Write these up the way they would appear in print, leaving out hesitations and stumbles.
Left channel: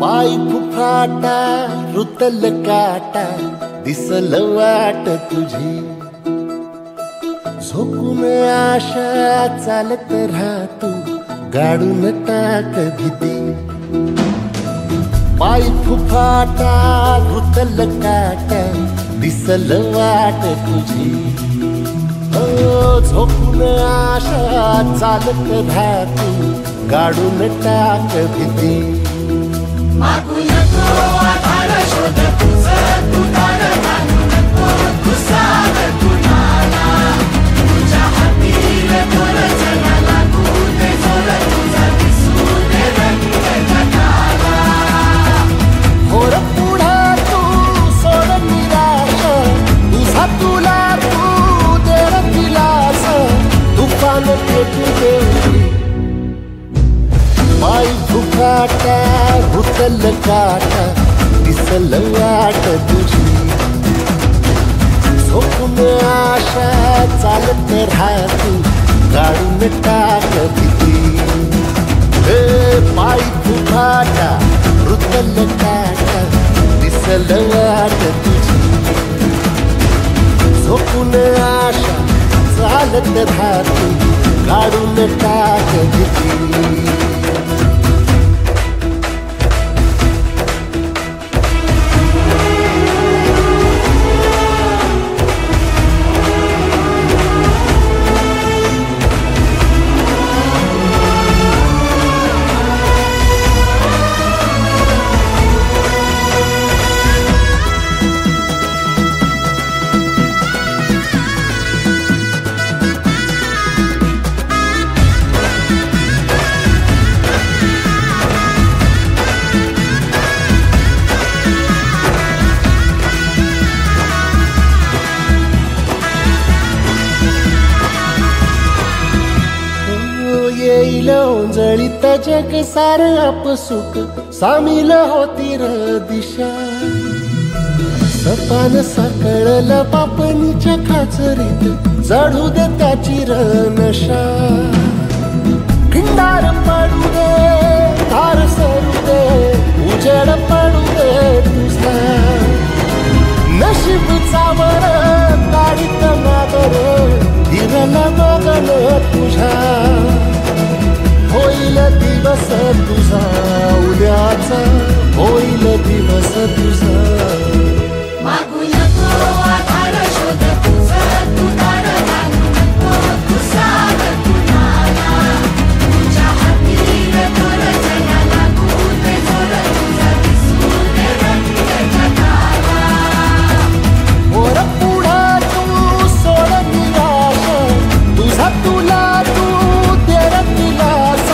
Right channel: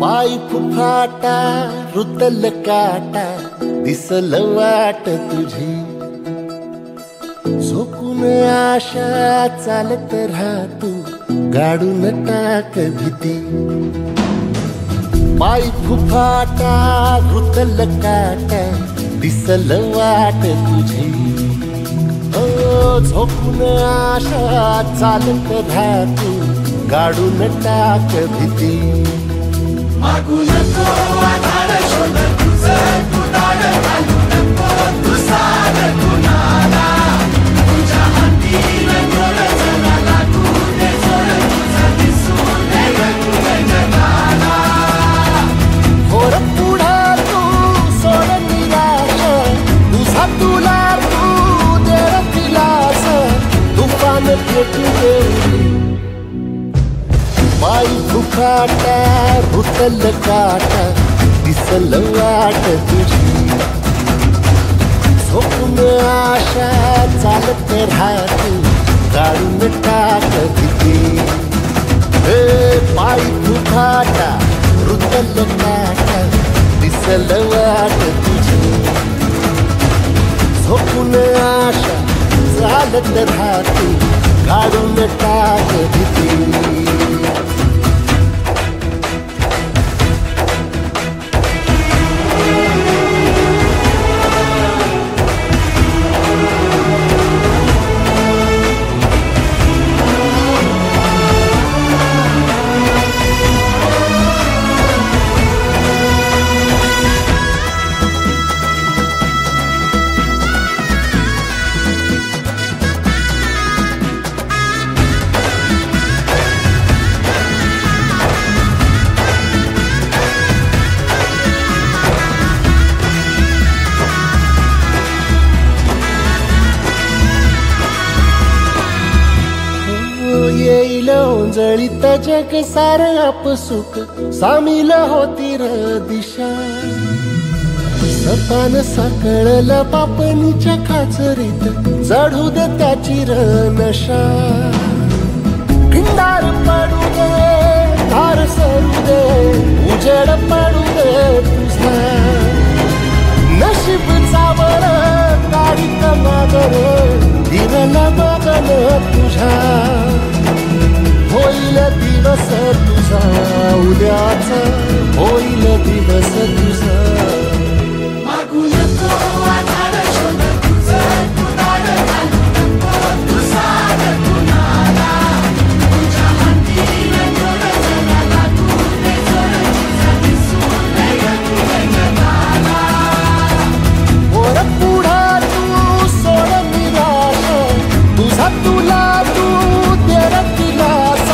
पाय फुफाटा रुतल काटा दिसल वाट तुझी झोकून आशा चालत राहतू गाडून टाक भीती पाय फुफाटा रुतल काटा दिसल वाट तुझी हो झोकून आशा चालत राहतू गाडून टाक भीती मागू नको आधार शोध तुझं तू ताड बांधू नको तू साध कुणाला तुझ्या हातीन दोर जरा लागू दे जोर तुझा दिसू दे रंग जगाला होर पुढा तू सोड निराश तुझा तुला तू देर दिलास तुफान पेटू देऊरी पाय फुफाटा रुतल काटा दिसल वाट तुझी झोपून आशा चालत राहतू गाडून टाक भीती पाय फुफाटा रुतल काटा दिसल वाट तुझी झोपून आशा चालत राहतू गाडून टाक भीती येईल ओंजळीत जग सार आपसुक सामील होती र दिशा सपान साकळल पापणीच्या खाचरीत चढू दे त्याची र नशा खिंडार पडू दे धार सरू दे उजेड पडू दे तुझा नशीब चावर काढीत मागर हिरल बगन तुझा होईल दिवस तुझा उद्याचा होईल दिवस तुझा मागू नको आधार शोध तुझं तू ताड बांधू नको तू साध कुणाला तुझ्या हातीन दोर जरा लागू दे जोर तुझा दिसू दे रंग जगाला वर पुढा तू सोड निराश तुझा तुला तू देर दिलास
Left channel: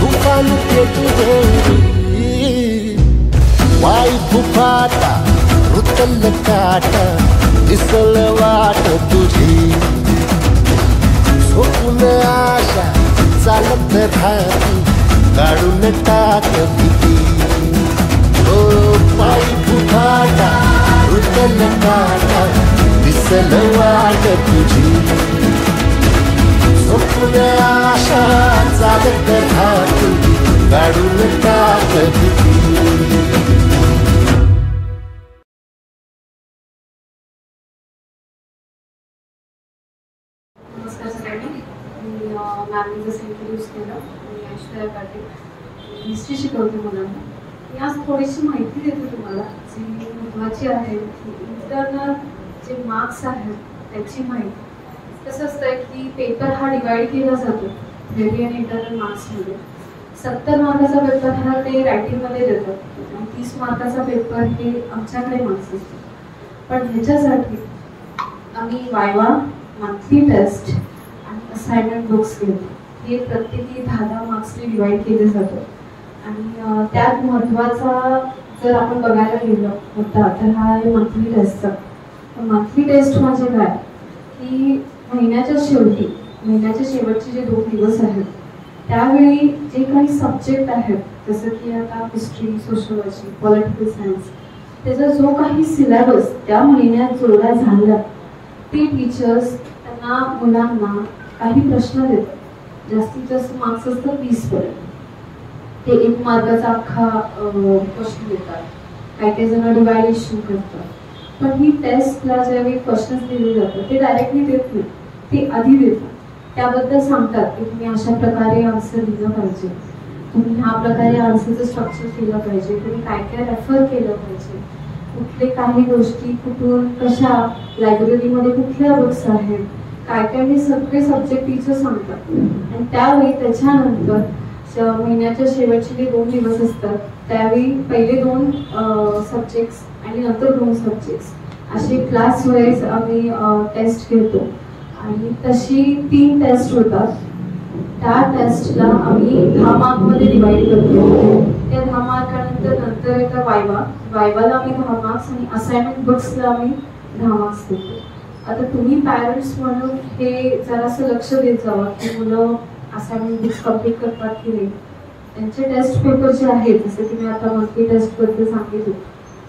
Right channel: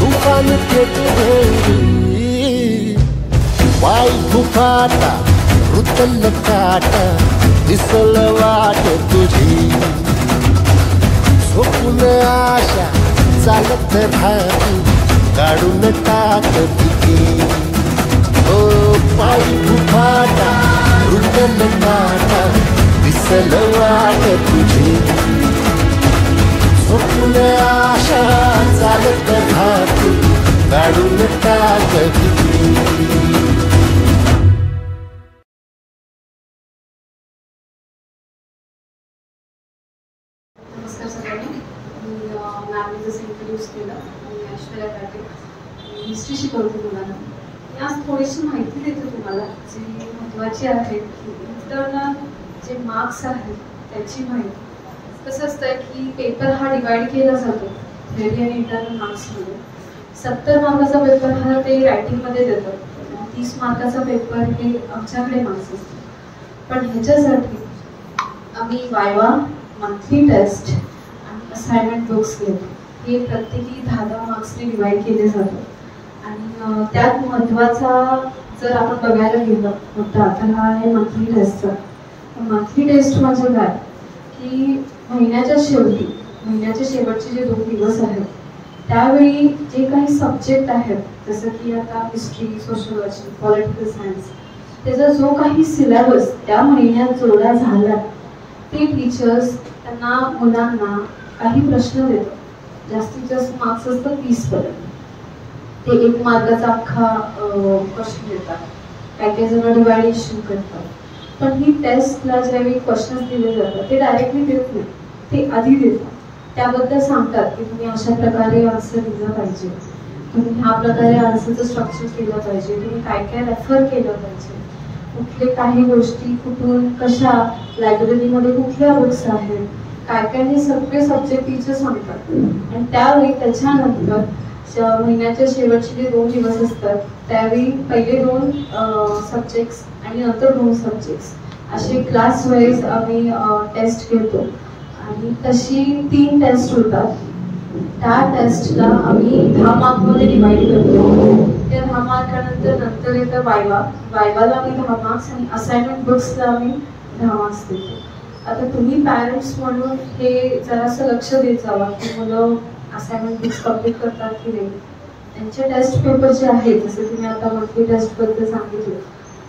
तुफान पेटू देऊरी पाय फुफाटा रुतल काटा दिसल वाट तुझी झोपून आशा चालत राहतू काढून टाक भीती ओ पाय फुफाटा रुतल काटा दिसल वाट तुझी झोपून आशा चालत राहतू काढून टाक भीती नमस्कार सगळ्यांनी मी मॅमने जसं इंट्रोड्यूस केलं मी ऐश्वर्या काटे हिस्ट्री शिकवते मुलांना मी आज थोडीशी माहिती देते तुम्हाला जी महत्त्वाची आहे की इंटरनल जे मार्क्स आहेत त्याची माहिती कसं असतं की पेपर हा डिवाइड केला जातो थेअरी आणि इंटरनल मार्क्समध्ये 70 मार्काचा पेपर हा ते रायटिंगमध्ये देतात आणि 30 मार्काचा पेपर हे आमच्याकडे मार्क्स असतात पण ह्याच्यासाठी आम्ही वायवा मंथली टेस्ट आणि असाइनमेंट बुक्स घेतो हे प्रत्येकी 10-10 मार्क्सने डिवाइड केले जातात आणि त्यात महत्त्वाचा जर आपण बघायला गेलं मुद्दा तर हा आहे मंथली टेस्टचा मंथली टेस्ट म्हणजे काय की महिन्याच्या शेवटचे जे 2 दिवस आहेत त्यावेळी जे काही सब्जेक्ट आहेत जसं की आता हिस्ट्री, सोशियोलॉजी, पॉलिटिकल सायन्स, त्याचा जो काही सिलेबस त्या महिन्यात जोडा झाला ते टीचर्स त्यांना मुलांना काही प्रश्न देतात. जास्तीत जास्त मार्क्स असतात 20 पर्यंत. ते 1 मार्काचा अख्खा प्रश्न देतात. काही जण डिवायडेशन करतात. पण ही टेस्टला ज्यावेळी क्वेश्चन्स दिले जातात ते डायरेक्टली देत नाही, ते आधी देतात. त्याबद्दल सांगतात की तुम्ही अशा प्रकारे आन्सर दिलं पाहिजे, तुम्ही ह्या प्रकारे आन्सरचं स्ट्रक्चर केलं पाहिजे, तुम्ही काय काय रेफर केलं पाहिजे, कुठले काही गोष्टी कुठून कशा, लायब्ररीमध्ये कुठल्या बुक्स आहेत, काय काय, हे सगळे सब्जेक्ट टीचर सांगतात. आणि त्यावेळी त्याच्यानंतर महिन्याच्या शेवटचे जे 2 दिवस असतात त्यावेळी पहिले 2 सब्जेक्ट्स आणि नंतर 2 सब्जेक्ट्स असे क्लास वाईज आम्ही टेस्ट घेतो. आणि तशी 3 टेस्ट होतात. त्या टेस्टला आम्ही 10 मार्कमध्ये डिवाइड करतो. त्या 10 मार्कानंतर नंतर येतं वायवाला आम्ही 10 मार्क्स आणि असाइनमेंट बुक्सला आम्ही 10 मार्क्स देतो. आता तुम्ही पॅरेंट्स म्हणून हे जरासं लक्ष देत जावा की मुलं असाइनमेंट बुक्स कम्प्लीट करतात की नाही. त्यांचे टेस्ट पेपर जे आहेत, जसं की मी आता मंथली टेस्ट बद्दल सांगितलं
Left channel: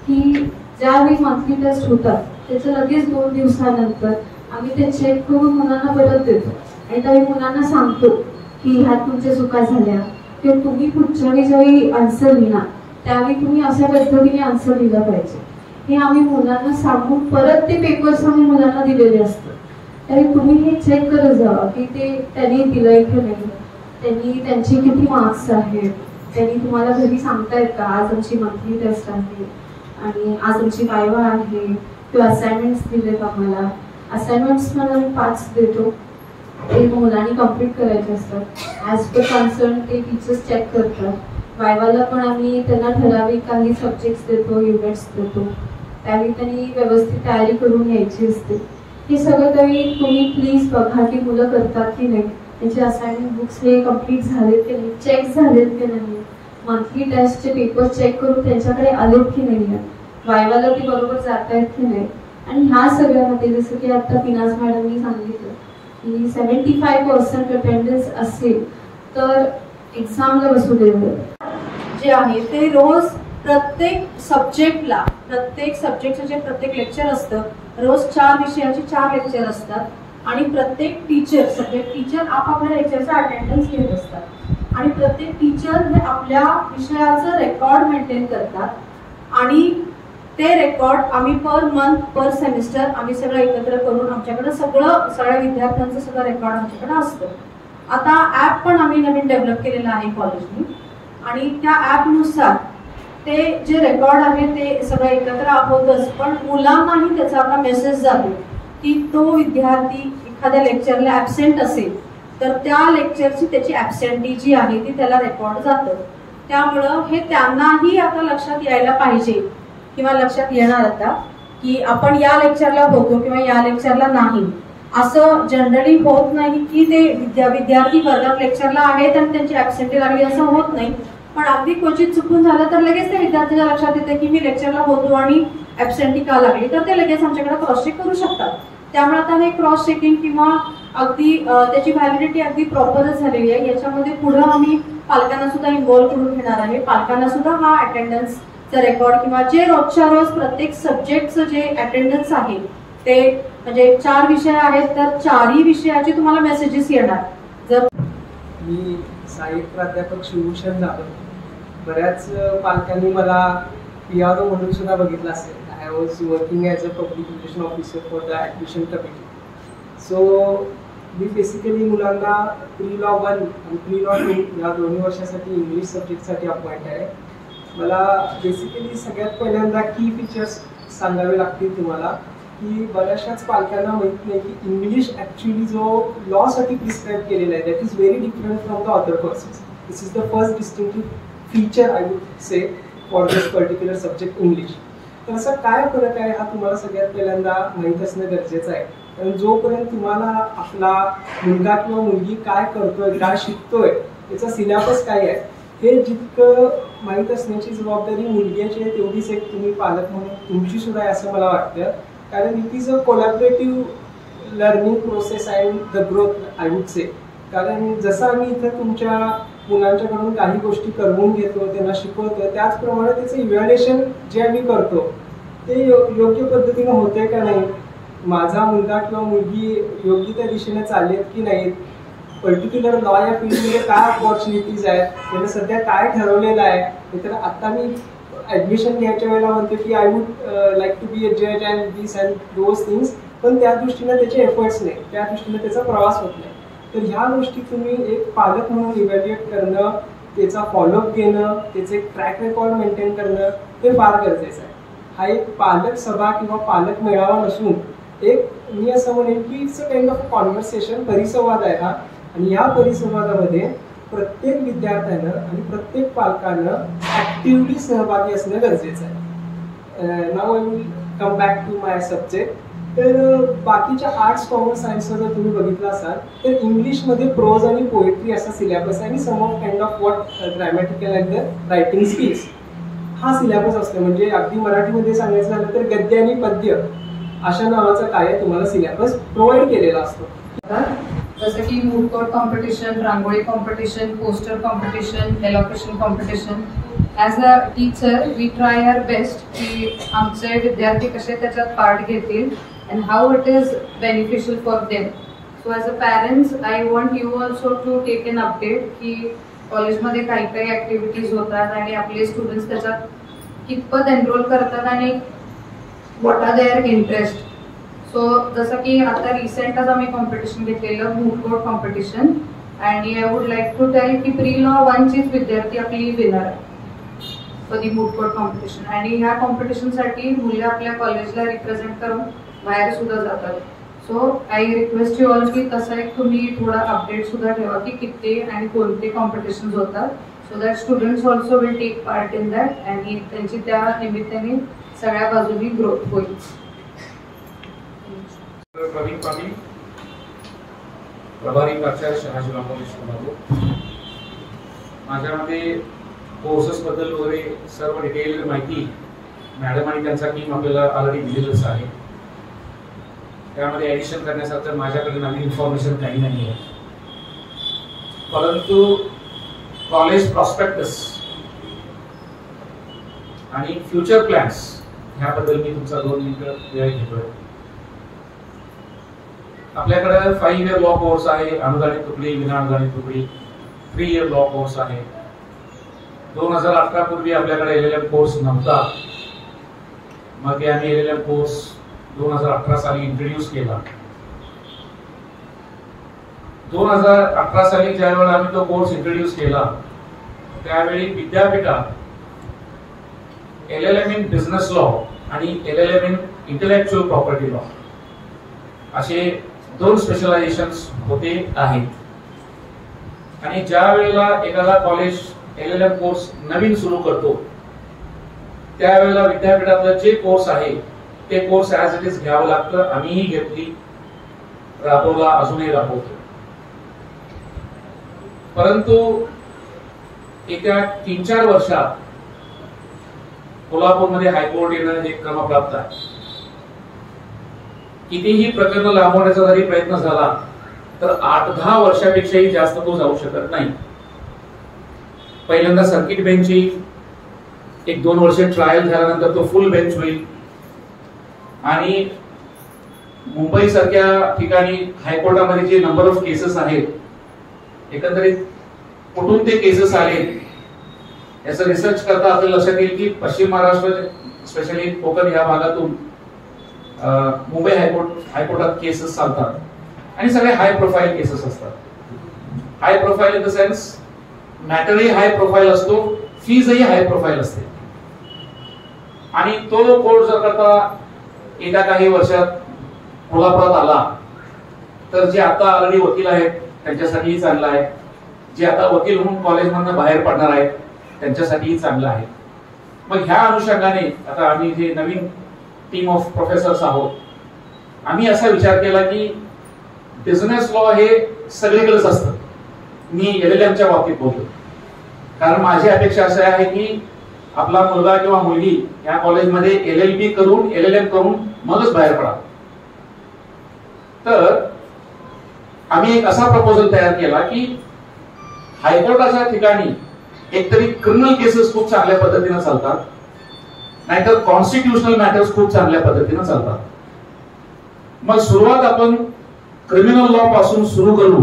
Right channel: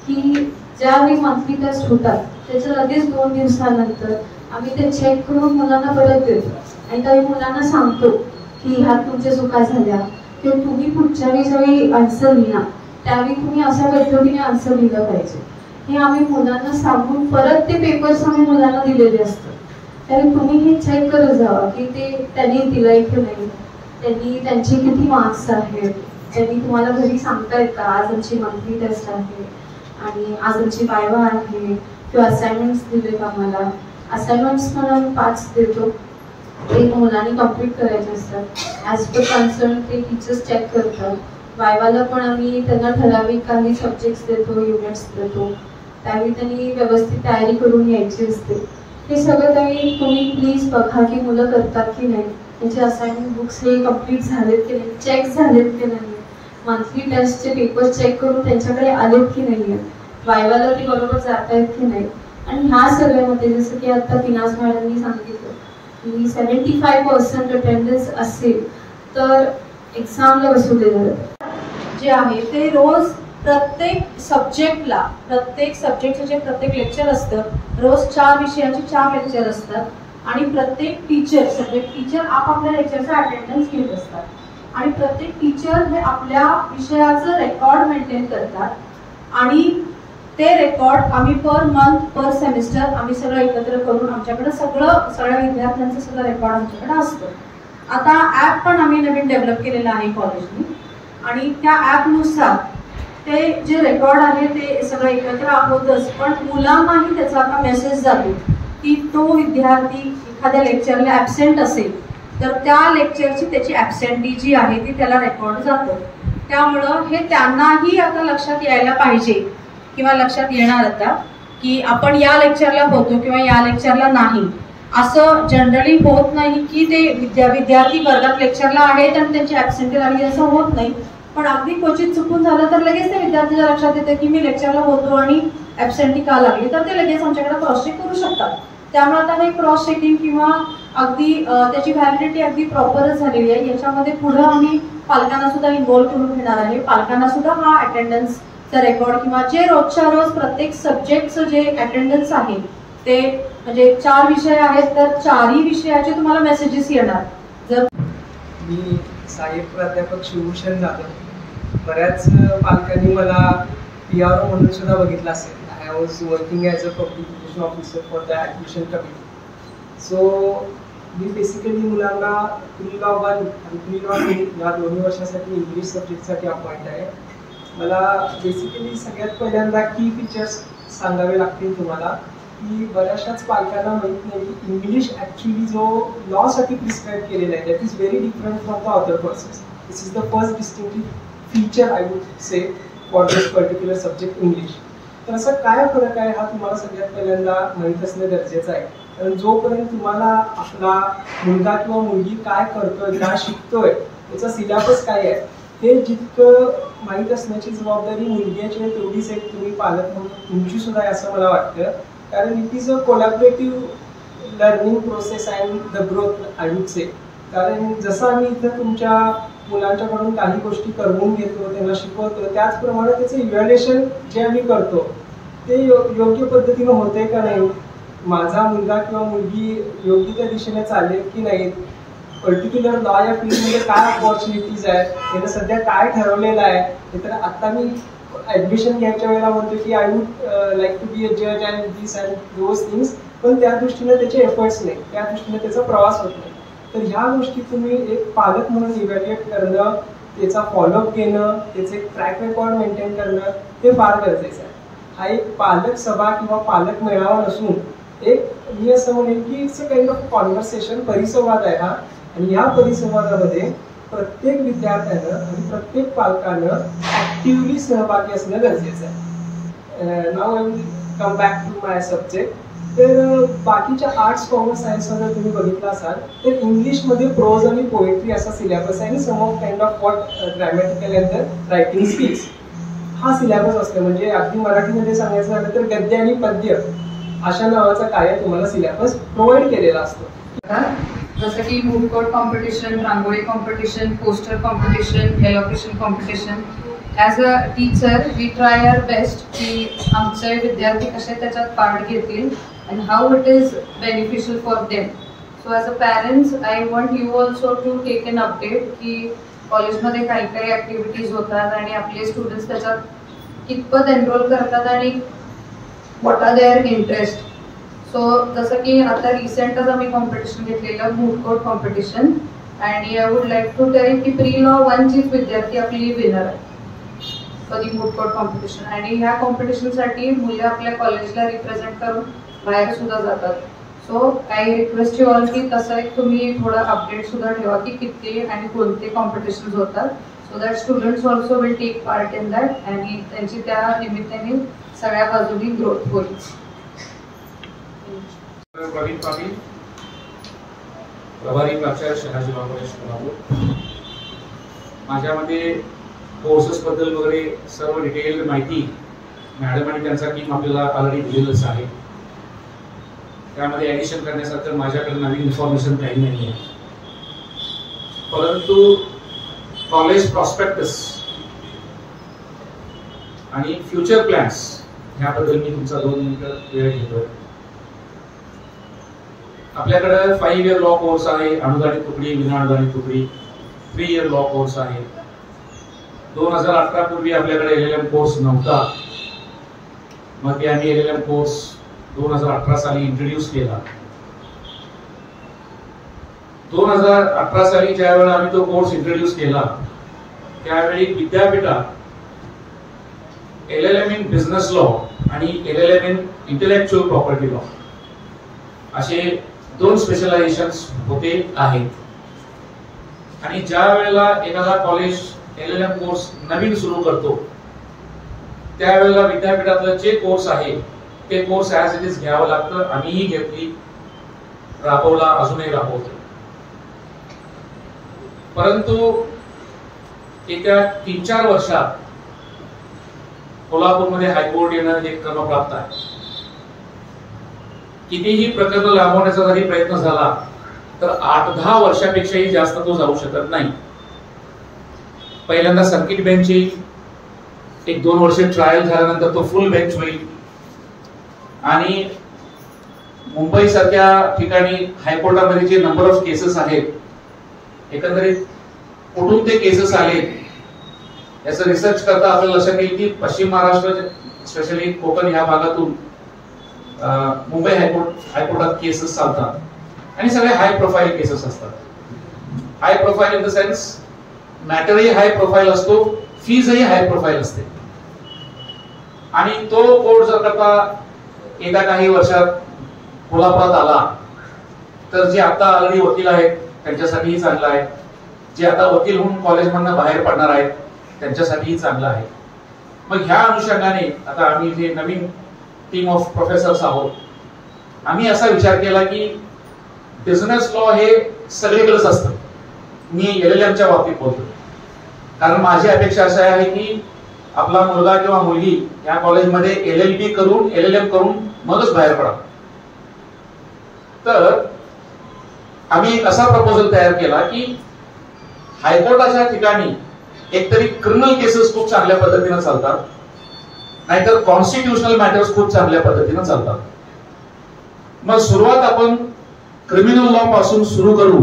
की ज्यावेळी मंथली टेस्ट होतात त्याच्या लगेच 2 दिवसानंतर आम्ही ते चेक करून मुलांना परत देतो. आणि त्यावेळी मुलांना सांगतो की ह्यात तुमच्या चुका झाल्या किंवा तुम्ही पुढच्या वेळी ज्यावेळी आन्सर लिहिणार त्यावेळी तुम्ही अशा पद्धतीने आन्सर लिहिलं पाहिजे, हे आम्ही मुलांना सांगून परत ते पेपर्स आम्ही मुलांना दिलेले असतात. त्यावेळी तुम्ही हे चेक करत जावा की ते त्यांनी दिलंय की नाही, त्यांनी त्यांचे किती मार्क्स आहेत, त्यांनी तुम्हाला घरी सांगतायत का आज आमची मंथली टेस्ट आहे आणि आज आमची वायवा आहे किंवा असाइनमेंट्स दिलेत आम्हाला. असाइनमेंट्स पण आम्ही 5 देतो, ते मुलांनी कम्प्लीट करायचे असतात. ॲज पर कन्सर्न ते टीचर्स चेक करतात. वायवाला पण आम्ही त्यांना ठराविक काही सब्जेक्ट्स देतो, युनिट्स देतो. त्यावेळी त्यांनी व्यवस्थित तयारी करून यायची असते. हे सगळं त्यावेळी तुम्ही प्लीज बघा की मुलं करतात की नाही, त्यांचे असाइनमेंट बुक्स हे कम्प्लीट झालेत की नाही, चेक झालेत की नाही, मंथली टेस्टचे पेपर चेक करून त्यांच्याकडे आलेत की नाही, वायवाला ती बरोबर जात आहेत की नाही. आणि ह्या सगळ्यामध्ये जसं की आता पिनाज मॅडमनी सांगितलं की 75% अटेंडन्स असेल तर एक्झामला बसवलेलं जातं. जे आहे ते रोज प्रत्येक सब्जेक्टला, प्रत्येक सब्जेक्टचं जे प्रत्येक लेक्चर असतं, रोज 4 विषयाचे 4 लेक्चर असतात आणि प्रत्येक टीचर, सब्जेक्ट टीचर आपापल्या लेक्चरचा अटेंडन्स घेत असतात आणि प्रत्येक टीचर हे आपल्या विषयाचं रेकॉर्ड मेंटेन करतात आणि ते रेकॉर्ड आम्ही पर मंथ, पर सेमिस्टर आम्ही सगळं एकत्र करून आमच्याकडे सगळ्या विद्यार्थ्यांचं सगळं रेकॉर्ड आमच्याकडे असतं. आता ॲप पण आम्ही नवीन डेव्हलप केलेलं आहे कॉलेजने आणि त्या ॲपनुसार ते जे रेकॉर्ड आहे ते सगळं एकत्र होतच, पण मुलांनाही त्याचा आता मेसेज जातो की तो विद्यार्थी एखाद्या लेक्चरला ॲबसेंट असेल तर त्या लेक्चरची त्याची ॲबसेंटी जी आहे ती त्याला रेकॉर्ड जातं. त्यामुळं हे त्यांनाही आता लक्षात यायला पाहिजे किंवा लक्षात येणार आता की आपण या लेक्चरला होतो किंवा या लेक्चरला नाही. असं जनरली होत नाही की ते विद्यार्थी वर्गात लेक्चरला आहेत आणि त्यांची ॲबसेंटी लागली, असं होत नाही. पण अगदी क्वचित चुकून झालं तर लगेच ते विद्यार्थ्याच्या लक्षात येतं की मी लेक्चरला होतो आणि ॲबसेंटी का लागली, तर ते लगेच आमच्याकडे क्रॉस चेक करू शकतात. त्यामुळे आता हे क्रॉस चेकिंग किंवा अगदी त्याची व्हॅलिडिटी अगदी प्रॉपरच झालेली आहे. याच्यामध्ये पुढे आम्ही पालकांना सुद्धा इन्व्हॉल्व करून घेणार आहे. पालकांना सुद्धा हा अटेंडन्सचा रेकॉर्ड किंवा जे रोजच्या रोज प्रत्येक सब्जेक्टचं जे अटेंडन्स आहे ते, म्हणजे 4 विषय आहेत तर 4ही विषयाचे तुम्हाला मेसेजेस येणार. जर मी सहाय्यक प्राध्यापक शिवभूषण जाधव, बऱ्याच पालकांनी मला PRO म्हणून सुद्धा बघितलं असेल. I was working as a publication officer for the admission committee. So me basically मुलांना प्री-लॉ 1 आणि प्री-लॉ 2 या 2 वर्षासाठी इंग्लिश सब्जेक्टसाठी अपॉइंट आहे. मला बेसिकली सगळ्यात पहिल्यांदा की फीचर्स सांगावे लागतील तुम्हाला की बऱ्याचशाच पालकांना माहीत नाही की इंग्लिश ॲक्च्युली जो लॉसाठी प्रिस्क्राईब केलेला आहे that is very different from the other courses. This is the first distinctive feature I would say for this particular subject English. तर असं काय फरक आहे हा तुम्हाला सगळ्यात पहिल्यांदा माहीत असणं गरजेचं आहे. कारण जोपर्यंत तुम्हाला आपला मुलगा किंवा मुलगी काय करतोय, काय शिकतोय, त्याचा सिलेबस काय आहे हे जितकं माहीत असण्याची जबाबदारी मुलग्याची आहे तेवढीच एक तुम्ही पालक म्हणून तुमची सुद्धा आहे असं मला वाटतं. कारण it is a collaborative learning process and the growth I would से. कारण जसं आम्ही इथं तुमच्या मुलांच्याकडून काही गोष्टी करवून घेतो, त्यांना शिकवतो, त्याचप्रमाणे त्याचं इव्हॅल्युएशन जे आम्ही करतो ते योग्य पद्धतीनं होते का नाही, माझा मुलगा किंवा मुलगी योग्य त्या दिशेने चाललेत की नाहीत, पर्टिक्युलर लॉ या फील्डमध्ये काय ऑपॉर्च्युनिटीज आहेत, त्यानं सध्या काय ठरवलेलं आहे. तर आता मी ऍडमिशन घ्यायच्या वेळेला म्हणतो की I would like to be a जज and this and those things, पण त्या दृष्टीने त्याचे एफर्ट्स नाही, त्या दृष्टीने त्याचा प्रवास होत नाही. तर ह्या गोष्टी तुम्ही एक पालक म्हणून इव्हॅल्युएट करणं, त्याचा फॉलोअप घेणं, त्याचे ट्रॅक रेकॉर्ड मेंटेन करणं हे फार गरजेचं आहे. हा एक पालक सभा किंवा पालक मेळावा नसून एक मी असं म्हणेन की it's a kind of conversation, परिसंवाद आहे हा. आणि या परिसंवादामध्ये प्रत्येक विद्यार्थ्यानं आणि प्रत्येक पालकानं ऍक्टिव्हली सहभागी असणं गरजेचं आहे. Now I will come back to my subject. तर बाकीच्या आर्ट्स, कॉमर्स, सायन्सला जर तुम्ही बघितलं असाल तर इंग्लिशमध्ये प्रोज आणि पोएट्री असा सिलेबस आहे आणि some of kind of what grammatical and the writing skills हा सिलेबस असतो. म्हणजे अगदी मराठीमध्ये सांगायचं झालं तर गद्य आणि पद्य अशा नावाचा काय तुम्हाला सिलेबस प्रोव्हाइड केलेला असतो. जसं की moot court competition, rangoli competition, poster competition, elocution competition. As a teacher we try our best की आमचे विद्यार्थी कसे त्याच्यात पार्ट घेतील and how it is beneficial for them. So as a parents I want you also to take an update की कॉलेजमध्ये काही काही ॲक्टिव्हिटीज होतात आणि आपले स्टुडंट्स त्याच्यात कितपत एनरोल करतात आणि what are their interest. So जसं की आता रिसेंटच आम्ही कॉम्पिटिशन घेतलेलं मूड कोर्ट कॉम्पिटिशन आणि I would like to tell की प्री लॉ 1चीच विद्यार्थी आपली विनर आहे for the moot court competition. आणि ह्या कॉम्पिटिशनसाठी मुलं आपल्या कॉलेजला रिप्रेझेंट करून बाहेर सुद्धा जातात. So I request you all की तसं एक तुम्ही थोडा अपडेट सुद्धा ठेवा की किती आणि कोणते कॉम्पिटिशन्स होतात, so that students also will take part in that आणि त्यांची त्या निमित्ताने सगळ्या बाजूनी ग्रोथ होईल. प्रवीण पाटील, प्रभारी प्राचार्य शहाजी कॉलेज कोल्हापूर. माझ्यामध्ये कोर्सेस बद्दल वगैरे सर्व डिटेल माहिती मॅडम आणि त्यांचा टीम आपल्याला ऑलरेडी दिलेलंच आहे. त्यामध्ये ॲडिशन करण्यासारखं माझ्याकडे नवीन इन्फॉर्मेशन काही नाही आहे. परंतु कॉलेज प्रॉस्पेक्टस आणि फ्युचर प्लॅन्स ह्याबद्दल मी तुमचा 2 मिनिटं वेळ घेतोय. आपल्याकडे 5 इयर लॉ कोर्स आहे, अनुदानित तुकडी, विना अनुदानित तुकडी. 3 इयर लॉ कोर्स आहे. 2018 पूर्वी आपल्याकडे LLM कोर्स नव्हता. मग ते आम्ही LLM कोर्स 2018 साली इंट्रोड्यूस केला. 2018 साली ज्या वेळेला आम्ही तो कोर्स इंट्रोड्यूस केला त्यावेळी विद्यापीठात LLM इन बिझनेस लॉ आणि LLM in intellectual property law असे 2 स्पेशलायझेशन्स होते आहेत. आणि ज्या वेळेला एखादा कॉलेज LLM कोर्स नवीन सुरू करतो त्यावेळेला विद्यापीठातलं जे कोर्स आहे ते कोर्स ऍज इट इज घ्यावं लागतं. आम्हीही घेतली, राबवला, अजूनही राबवतो. परंतु येत्या 3-4 वर्षात कोल्हापूरमध्ये हायकोर्ट येणं हे क्रमप्राप्त आहे. कितीही प्रकरण लांबवण्याचा जरी प्रयत्न झाला तर 8-10 वर्षापेक्षाही जास्त तो जाऊ शकत नाही. पहिल्यांदा सर्किट बेंच येईल, 1-2 वर्ष ट्रायल झाल्यानंतर तो फुल बेंच होईल. आणि मुंबई सारख्या ठिकाणी हायकोर्टामध्ये जे नंबर ऑफ केसेस आहेत, एकंदरीत कुठून ते केसेस आले याचं रिसर्च करता आपल्याला लक्षात येईल की पश्चिम महाराष्ट्र स्पेशली कोकण ह्या भागातून मुंबई हायकोर्टात केसेस चालतात आणि सगळे हाय प्रोफाईल केसेस असतात. High profile in the sense मॅटरही हाय प्रोफाईल असतो, फीजही हाय प्रोफाईल असते. आणि तो कोर्ट जर करता येत्या काही वर्षात कोल्हापुरात आला तर जे आता ऑलरेडी वकील आहेत त्यांच्यासाठीही चांगला आहे, जे आता वकील होऊन कॉलेजमधून बाहेर पडणार आहेत त्यांच्यासाठीही चांगलं आहे. मग ह्या अनुषंगाने आता आम्ही जे नवीन टीम ऑफ प्रोफेसर्स आहोत, आम्ही असा विचार केला की बिझनेस लॉ हे सगळीकडेच असतं. मी LLMच्या बाबतीत बोलतो कारण माझी अपेक्षा अशी आहे की आपला मुलगा किंवा मुलगी या कॉलेजमध्ये LLB करून LLM करून मगच बाहेर पडा. तर आम्ही एक असा प्रपोजल तयार केला की हायकोर्टाच्या ठिकाणी एकतरी क्रिमिनल केसेस खूप चांगल्या पद्धतीने चालतात, नाहीतर कॉन्स्टिट्युशनल मॅटर्स खूप चांगल्या पद्धतीने चालतात. मग सुरुवात आपण क्रिमिनल लॉ पासून सुरू करू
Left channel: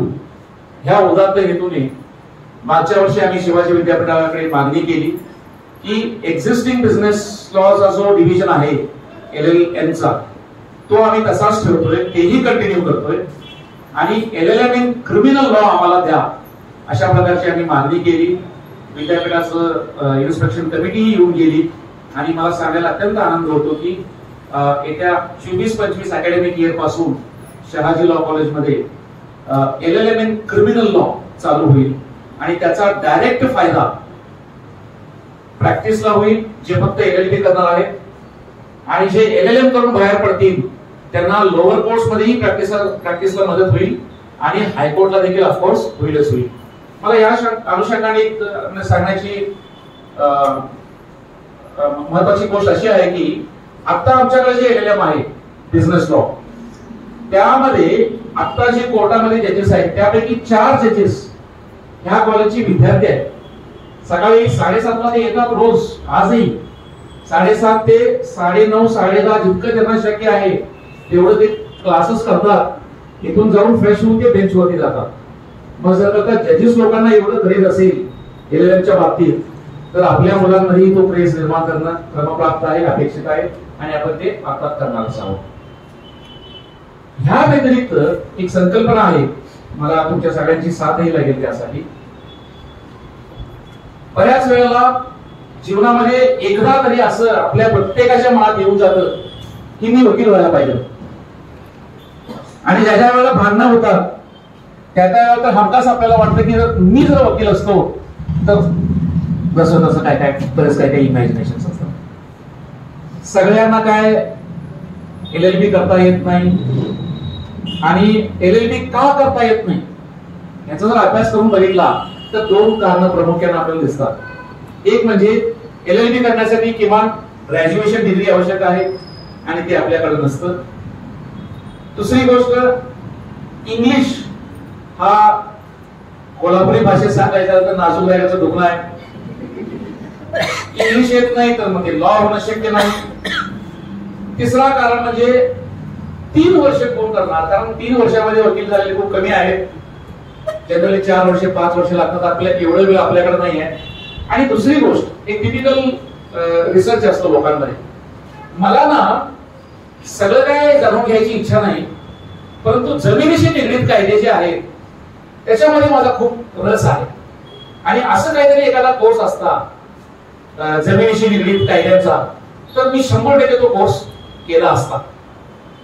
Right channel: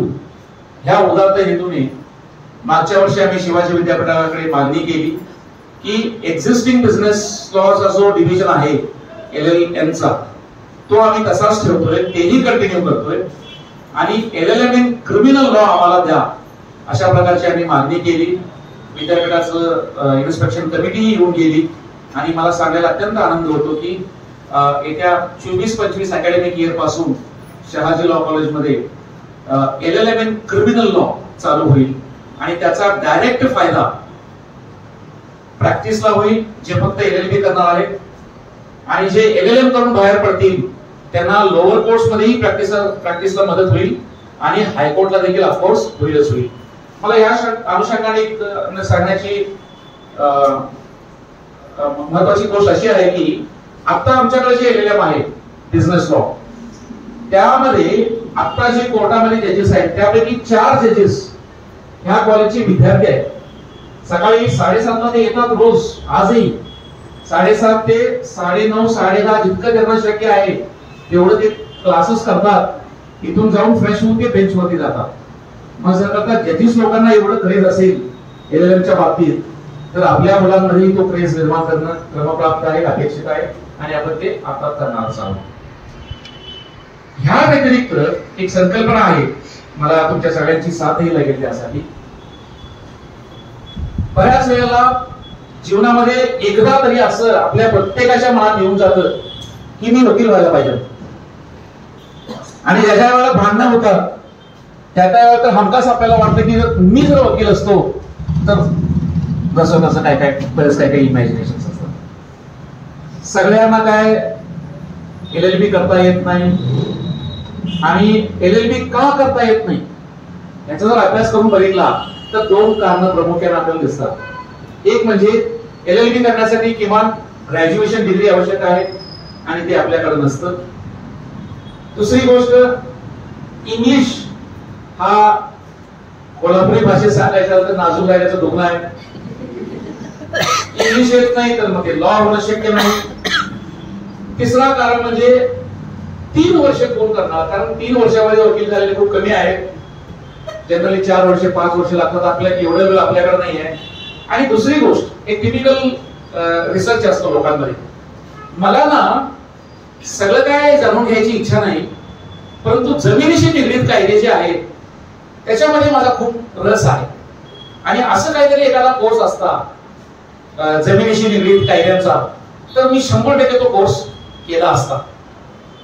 ह्या उदात्त हेतूने मागच्या वर्षी आम्ही शिवाजी विद्यापीठाकडे मागणी केली की एक्झिस्टिंग बिझनेस लॉचा जो डिव्हिजन आहे LLM चा तो आम्ही तसाच ठेवतोय, तेही कंटिन्यू करतोय आणि LLM इन क्रिमिनल लॉ आम्हाला द्या अशा प्रकारची आम्ही मागणी केली. विद्यापीठाचं इन्स्पेक्शन कमिटीही येऊन गेली आणि मला सांगायला अत्यंत आनंद होतो की येत्या 24-25 अकॅडमिक इयर पासून शहाजी लॉ कॉलेजमध्ये LLM इन क्रिमिनल लॉ चालू होईल आणि त्याचा डायरेक्ट फायदा प्रॅक्टिसला होईल, जे फक्त LLB करणार आहेत, आणि जे LLM करून बाहेर पडतील त्यांना लोअर कोर्ट्स मध्येही प्रॅक्टिसला मदत होईल आणि हायकोर्टला देखील ऑफकोर्स होईलच होईल. मला या अनुषंगाने एक सांगण्याची महत्वाची गोष्ट अशी आहे की आता आमच्याकडे जे LLM आहे बिझनेस लॉ, त्यामध्ये आता जे कोर्टामध्ये जजेस आहेत त्यापैकी 4 जजेस ह्या कॉलेजचे विद्यार्थी आहेत. सकाळी 7:30 ला ते येतात रोज, आजही 7:30 ते 9:30 10:30 जितकं त्यांना शक्य आहे तेवढं ते क्लासेस करतात. इथून जाऊन फ्रेश होऊन ते बेंचवरती जातात. मग जर का जजेस लोकांना एवढं क्रेज असेल LLMच्या बाबतीत तर आपल्या मुलांमध्येही तो क्रेज निर्माण करणं क्रमप्राप्त आहे, अपेक्षित आहे आणि आपण ते आता करणारच आहोत. ह्या व्यतिरिक्त एक संकल्पना आहे, मला तुमच्या सगळ्यांची साथही लागेल त्यासाठी. बऱ्याच वेळेला जीवनामध्ये एकदा तरी असं आपल्या प्रत्येकाच्या मनात येऊन जातं की मी वकील व्हायला पाहिजे, आणि ज्याच्या वेळेला भांडणं होतात त्या वेळेला तर हमखास आपल्याला वाटतं की मी जर वकील असतो तर जसं तसं काय बरेच काय इमॅजिनेशन असतात. सगळ्यांना काय LLB करता येत नाही, आणि LLB का करता येत नाही याचा जर अभ्यास करून बघितला तर 2 कारणं प्रामुख्याने आपल्याला दिसतात. एक म्हणजे LLB करण्यासाठी किमान ग्रॅज्युएशन डिग्री आवश्यक आहे आणि ते आपल्याकडे नसतं. दुसरी गोष्ट, इंग्लिश हा कोल्हापुरी भाषेत सांगायचं तर नाजूक राहिल्याचं दुखणं आहे. इंग्लिश येत नाही तर मग ते लॉ होणं शक्य नाही. तिसरा कारण म्हणजे 3 वर्ष कोण करणार, कारण 3 वर्षामध्ये वकील झालेले खूप कमी आहेत. जनरली 4 वर्ष 5 वर्ष लागतात. आपल्याला एवढा वेळ आपल्याकडे नाही आहे. आणि दुसरी गोष्ट, एक टिपिकल रिसर्च असतो लोकांमध्ये, मला ना सगळं काय जाणून घ्यायची इच्छा नाही, परंतु जमिनीशी निगडीत कायदे जे आहेत त्याच्यामध्ये माझा खूप रस आहे. आणि असं काहीतरी एखादा कोर्स असता जमिनीशी निगडीत कायद्यांचा तर मी 100% तो कोर्स केला असता.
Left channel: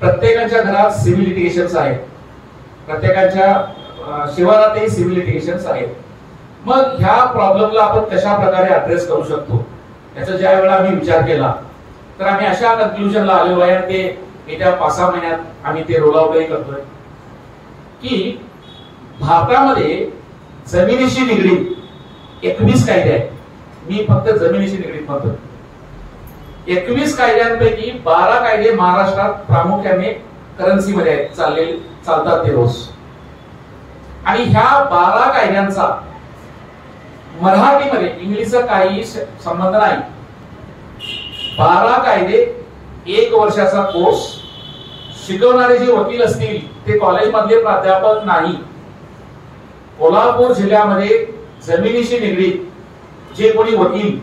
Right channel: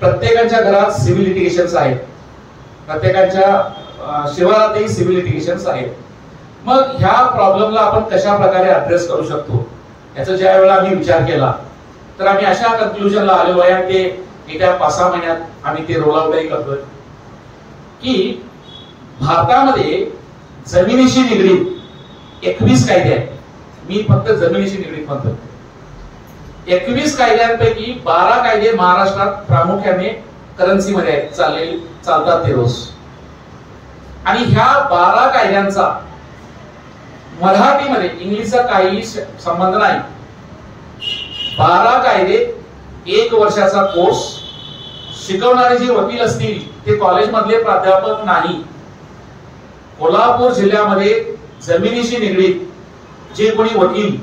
प्रत्येकाच्या घरात सिव्हिल लिटिगेशन्स आहेत, प्रत्येकाच्या शिवारातही सिव्हिल लिटिगेशन्स आहेत. मग ह्या प्रॉब्लेमला आपण कशा प्रकारे अड्रेस करू शकतो याचा ज्या वेळेला आम्ही विचार केला तर आम्ही अशा कन्क्लुजनला आलो आहे, आणि ते येत्या 5-6 महिन्यात आम्ही ते रोल आउटही करतोय की भारतामध्ये जमिनीशी निगडीत 21 कायदे आहेत. मी फक्त जमिनीशी निगडीत म्हणतो. 21 कायद्यांपैकी 12 कायदे महाराष्ट्रात प्रामुख्याने करन्सीमध्ये आहेत, चालतात ते रोज. आणि ह्या 12 कायद्यांचा मराठीमध्ये इंग्लिशचा काही संबंध नाही. 12 कायदे 1 वर्षाचा कोर्स. शिकवणारे जे वकील असतील ते कॉलेजमधले प्राध्यापक नाही. कोल्हापूर जिल्ह्यामध्ये जमिनीशी निगडीत जे कोणी वकील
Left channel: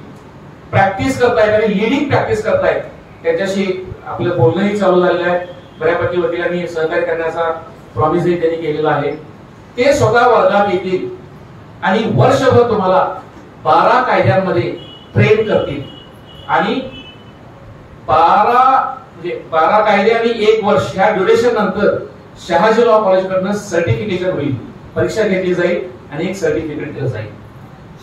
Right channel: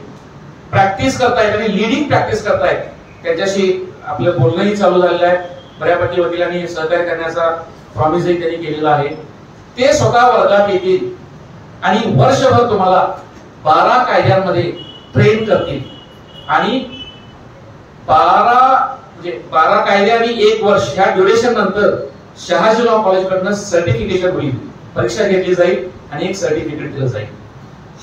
प्रॅक्टिस करतायत आणि लिडिंग प्रॅक्टिस करतायत त्याच्याशी आपलं बोलणंही चालू झालेलं आहे. बऱ्यापैकी वकिलांनी सहकार्य करण्याचा प्रॉमिसही त्यांनी केलेला आहे. ते स्वतः वर्गात येतील आणि वर्षभर तुम्हाला 12 कायद्यांमध्ये ट्रेन करतील. आणि 12 कायदे आणि 1 वर्ष ह्या ड्युरेशन नंतर शहाजी लॉ कॉलेज कडनं सर्टिफिकेशन होईल, परीक्षा घेतली जाईल आणि एक सर्टिफिकेट दिलं जाईल.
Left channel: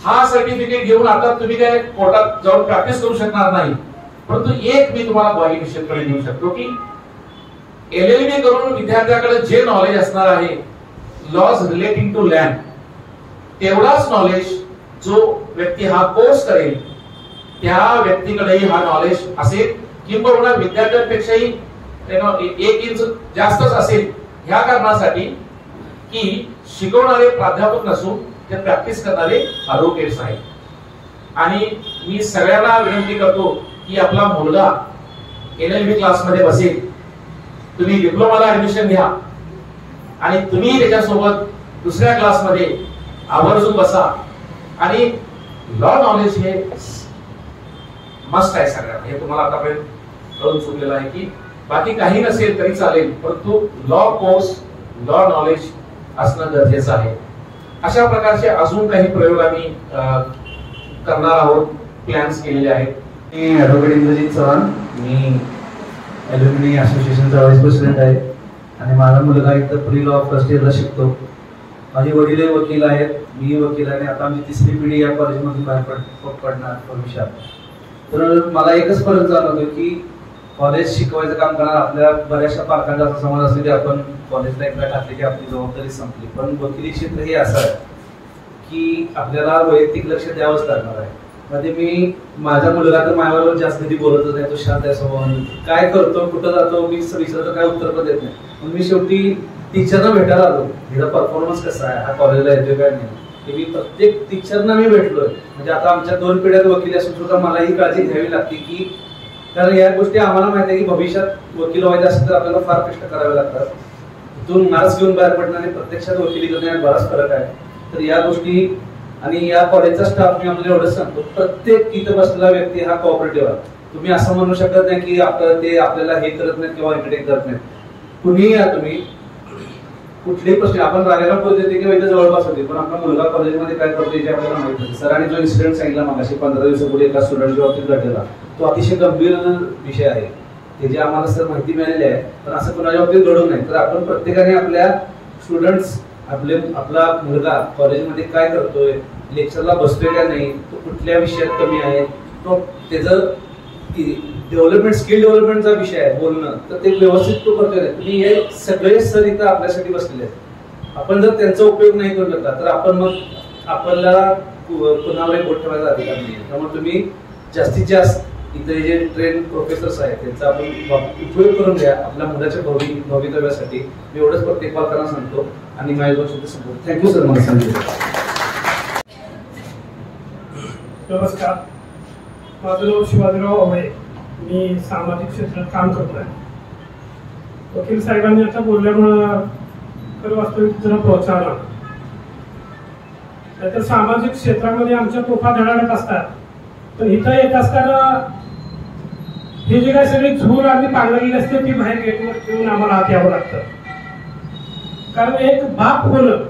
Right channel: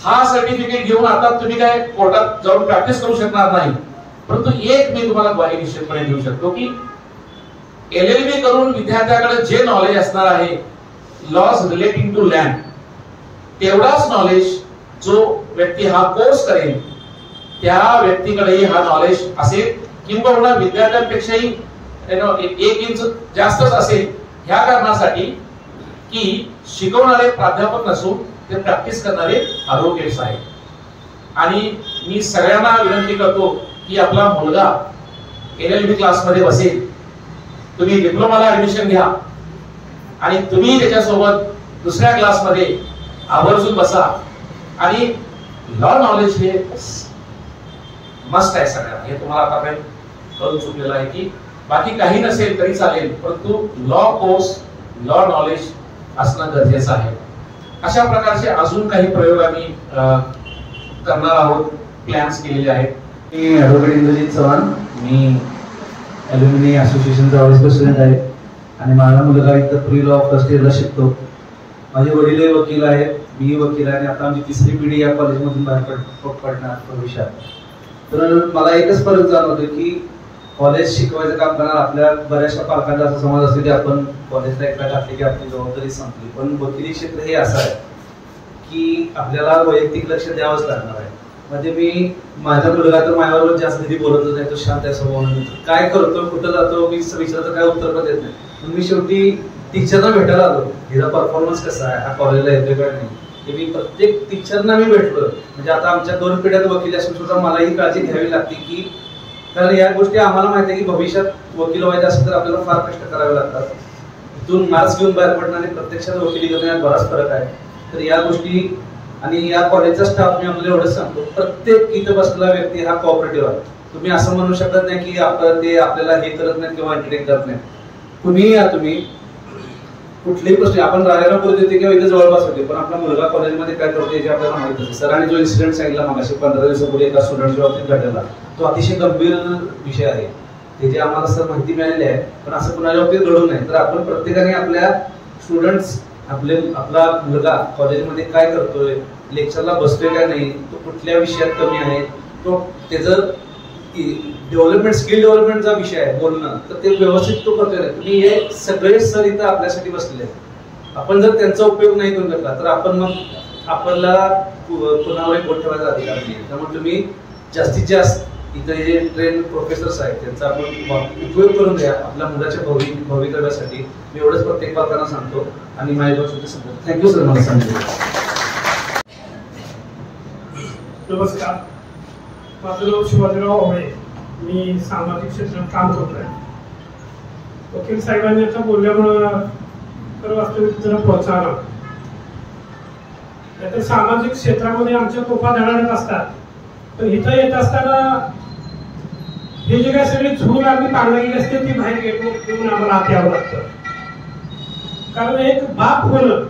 हा सर्टिफिकेट घेऊन आता तुम्ही काय कोर्टात जाऊन प्रॅक्टिस करू शकणार नाही, परंतु एक मी तुम्हाला ग्वाही निश्चितपणे देऊ शकतो की LLB करून विद्यार्थ्याकडे जे नॉलेज असणार आहे लॉज रिलेटिंग टू लँड, तेवढाच नॉलेज जो व्यक्ती हा कोर्स करेल त्या व्यक्तीकडेही हा नॉलेज असेल, किंबहुना विद्यार्थ्यांपेक्षाही 1 इंच जास्तच असेल. ह्या कारणासाठी की शिकवणारे प्राध्यापक नसून ते प्रॅक्टिस करणारे ॲडव्होकेट्स आहेत. आणि मी सगळ्यांना विनंती करतो की आपला मुलगा LLB क्लासमध्ये बसेल, तुम्ही डिप्लोमाला ऍडमिशन घ्या आणि तुम्ही त्याच्यासोबत दुसऱ्या क्लासमध्ये आवर्जून बसा. आणि लॉ नॉलेज हे मस्ट आहे सगळ्यांना. हे तुम्हाला आतापर्यंत कळून चुकलेलं आहे की बाकी काही नसेल तरी चालेल, परंतु लॉ कोर्स, लॉ नॉलेज असणं गरजेचं आहे. अशा प्रकारचे अजून काही प्रयोग आम्ही करणार आहोत, प्लॅन्स केलेले आहेत. मी ॲडव्होकेट इंद्रजित चव्हाण, मी ॲल्युमिनी असोसिएशनचा व्हाईस प्रेसिडेंट आहे आणि माझा मुलगा इथं प्री लॉ फर्स्ट इयरला शिकतो. माझे वडील वकील आहेत, मी वकील आहे आणि आता आमची तिसरी पिढी या कॉलेजमधून बाहेर पडणार भविष्यात. तर मला एकच फरक जाणवतो की कॉलेज शिकवायचं काम करणार आपल्या बऱ्याचशा पालकांचा असा समज असतो की आपण कॉलेजला एकदा टाकले की आपली जबाबदारी संपली. पण वकिली क्षेत्र हे असं आहे की आपल्याला वैयक्तिक लक्ष द्यावंच लागणार आहे. म्हणजे मी माझा मुलगा तर माझ्याबरोबर जास्त कधी बोलतच नाही, तो शांत आहे स्वभावाने. काय करतो, कुठं जातो, मी विचारलं तर काय उत्तर पण देत नाही. पण मी शेवटी टीचरना भेटायला आलो, हिचा परफॉर्मन्स कसा आहे, हा कॉलेजला येतोय काय नाही, हे मी प्रत्येक टीचरना मी भेटलो. म्हणजे आता आमच्या 2 पिढ्यात वकील असून सुद्धा मला ही काळजी घ्यावी लागते की कारण या गोष्टी आम्हाला माहिती आहे की भविष्यात वकील व्हायचं असेल तर आपल्याला फार कष्ट करावे लागतात. इथून मार्क्स घेऊन बाहेर पडणं आणि प्रत्यक्षात वकिली करणं यात बराच फरक आहे. तर या गोष्टी आणि या कॉलेजचा स्टाफ मी आपल्याला एवढंच सांगतो, प्रत्येक इथं बसलेला व्यक्ती हा कोऑपरेटिव्ह आहे. तुम्ही असं म्हणू शकत नाही की ते आपल्याला हे करत नाही किंवा एंटरटेन करत नाही. कुणीही या, तुम्ही कुठलेही प्रश्न आपण रागायला बोलत होते किंवा इथे जवळपास होते, पण आपला मुलगा कॉलेजमध्ये काय करतो याची आपल्याला माहिती असते. सरांनी जो इन्सिडेंट सांगितला मगाशी 15 दिवसापूर्वी एका स्टुडंटच्या बाबतीत घडलेला, तो अतिशय गंभीर विषय आहे. त्याची आम्हाला सर माहिती मिळालेली आहे, पण असं कुणाच्या बाबतीत घडू नये. तर आपण प्रत्येकाने आपल्या स्टुडंट्स, आपला मुलगा कॉलेजमध्ये काय करतोय, लेक्चरला बसतोय का नाही, तो कुठल्या विषयात कमी आहे, तो त्याचं डेव्हलपमेंट, स्किल डेव्हलपमेंटचा विषय आहे बोलणं, तर ते व्यवस्थित तो करतोय. तुम्ही हे सगळे सर इथं आपल्यासाठी बसलेले आहेत. आपण जर त्यांचा उपयोग नाही करून घेतला तर आपण मग आपल्याला कुणावरही बोट ठेवायचा अधिकार नाही. त्यामुळे तुम्ही जास्तीत जास्त इथे जे ट्रेन प्रोफेसर्स आहेत त्यांचा आपण उपयोग करून घ्या आपल्या मुलाच्या भवितव्यासाठी. मी एवढंच प्रत्येक पालकांना सांगतो आणि माझ्या दोन संपतो. थँक्यू सर मला सांगितलं. नमस्कार, माझं नाव शिवाजीराव आवळे, मी सामाजिक क्षेत्रात काम करतो आहे. वकील साहेबांनी आता बोलल्यामुळं तर वास्तविक जरा प्रोत्साहन आलं. नाहीतर सामाजिक क्षेत्रामध्ये आमच्या तोफा धडाडत असतात, पण इथं येत असताना हे जे काही सगळे झूल आम्ही पांगलेली असते ती बाहेर गेटवर ठेवून आम्हाला आत यावं लागतं. कारण एक बाप होणं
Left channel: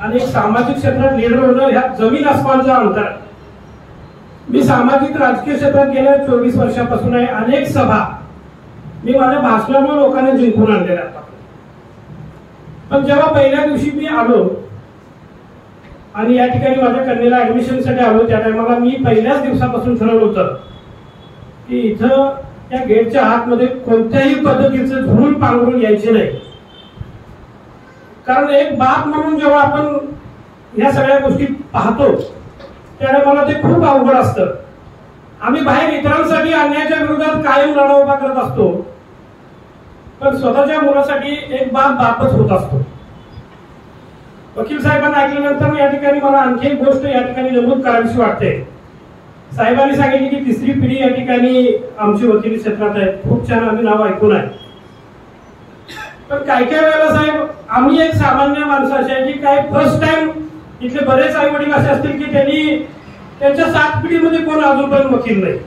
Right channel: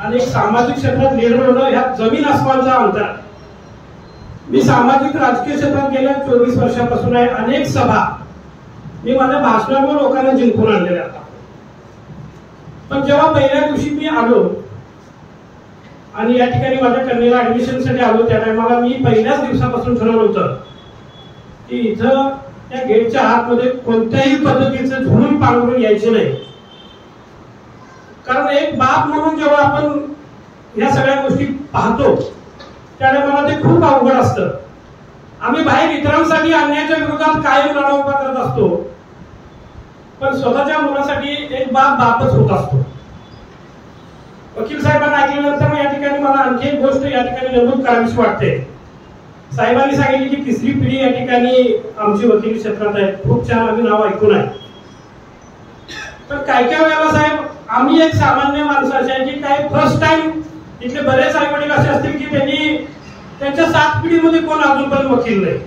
आणि एक सामाजिक क्षेत्रात लीडर होणं ह्यात जमीन आसमानचा अंतर आहे. मी सामाजिक राजकीय क्षेत्रात गेल्या 24 वर्षापासून आहे. अनेक सभा मी माझ्या भाषणामुळे लोकांना जिंकून आणलेल्या आता. पण जेव्हा पहिल्या दिवशी मी आलो आणि या ठिकाणी माझ्या कन्येला ऍडमिशनसाठी आलो, त्या टायमाला मी पहिल्याच दिवसापासून ठरवलं होतं की इथं त्या गेटच्या आतमध्ये कोणत्याही पद्धतीचं झूल पांघरून यायचे नाही. कारण एक बाप म्हणून जेव्हा आपण या सगळ्या गोष्टी पाहतो त्यामुळे मला ते खूप अवघड असतं. आम्ही बाहेर इतरांसाठी अन्यायाच्या विरोधात कायम लढा उभा करत असतो, पण स्वतःच्या मुलासाठी एक बाप बापच होत असतो. वकील साहेबांना ऐकल्यानंतर या ठिकाणी मला आणखी एक गोष्ट या ठिकाणी नमूद करावीशी वाटते. साहेबांनी सांगितले की तिसरी पिढी या ठिकाणी आमची वकिली क्षेत्रात आहे. खूप छान, आम्ही नाव ऐकून आहे. पण काय काय वेळेला साहेब आम्ही एक सामान्य माणसं अशी आहे की काय फर्स्ट टाइम इथले बरेच आई वडील असे असतील की त्यांनी त्यांच्या 7 पिढीमध्ये कोण अजून पण वकील नाही,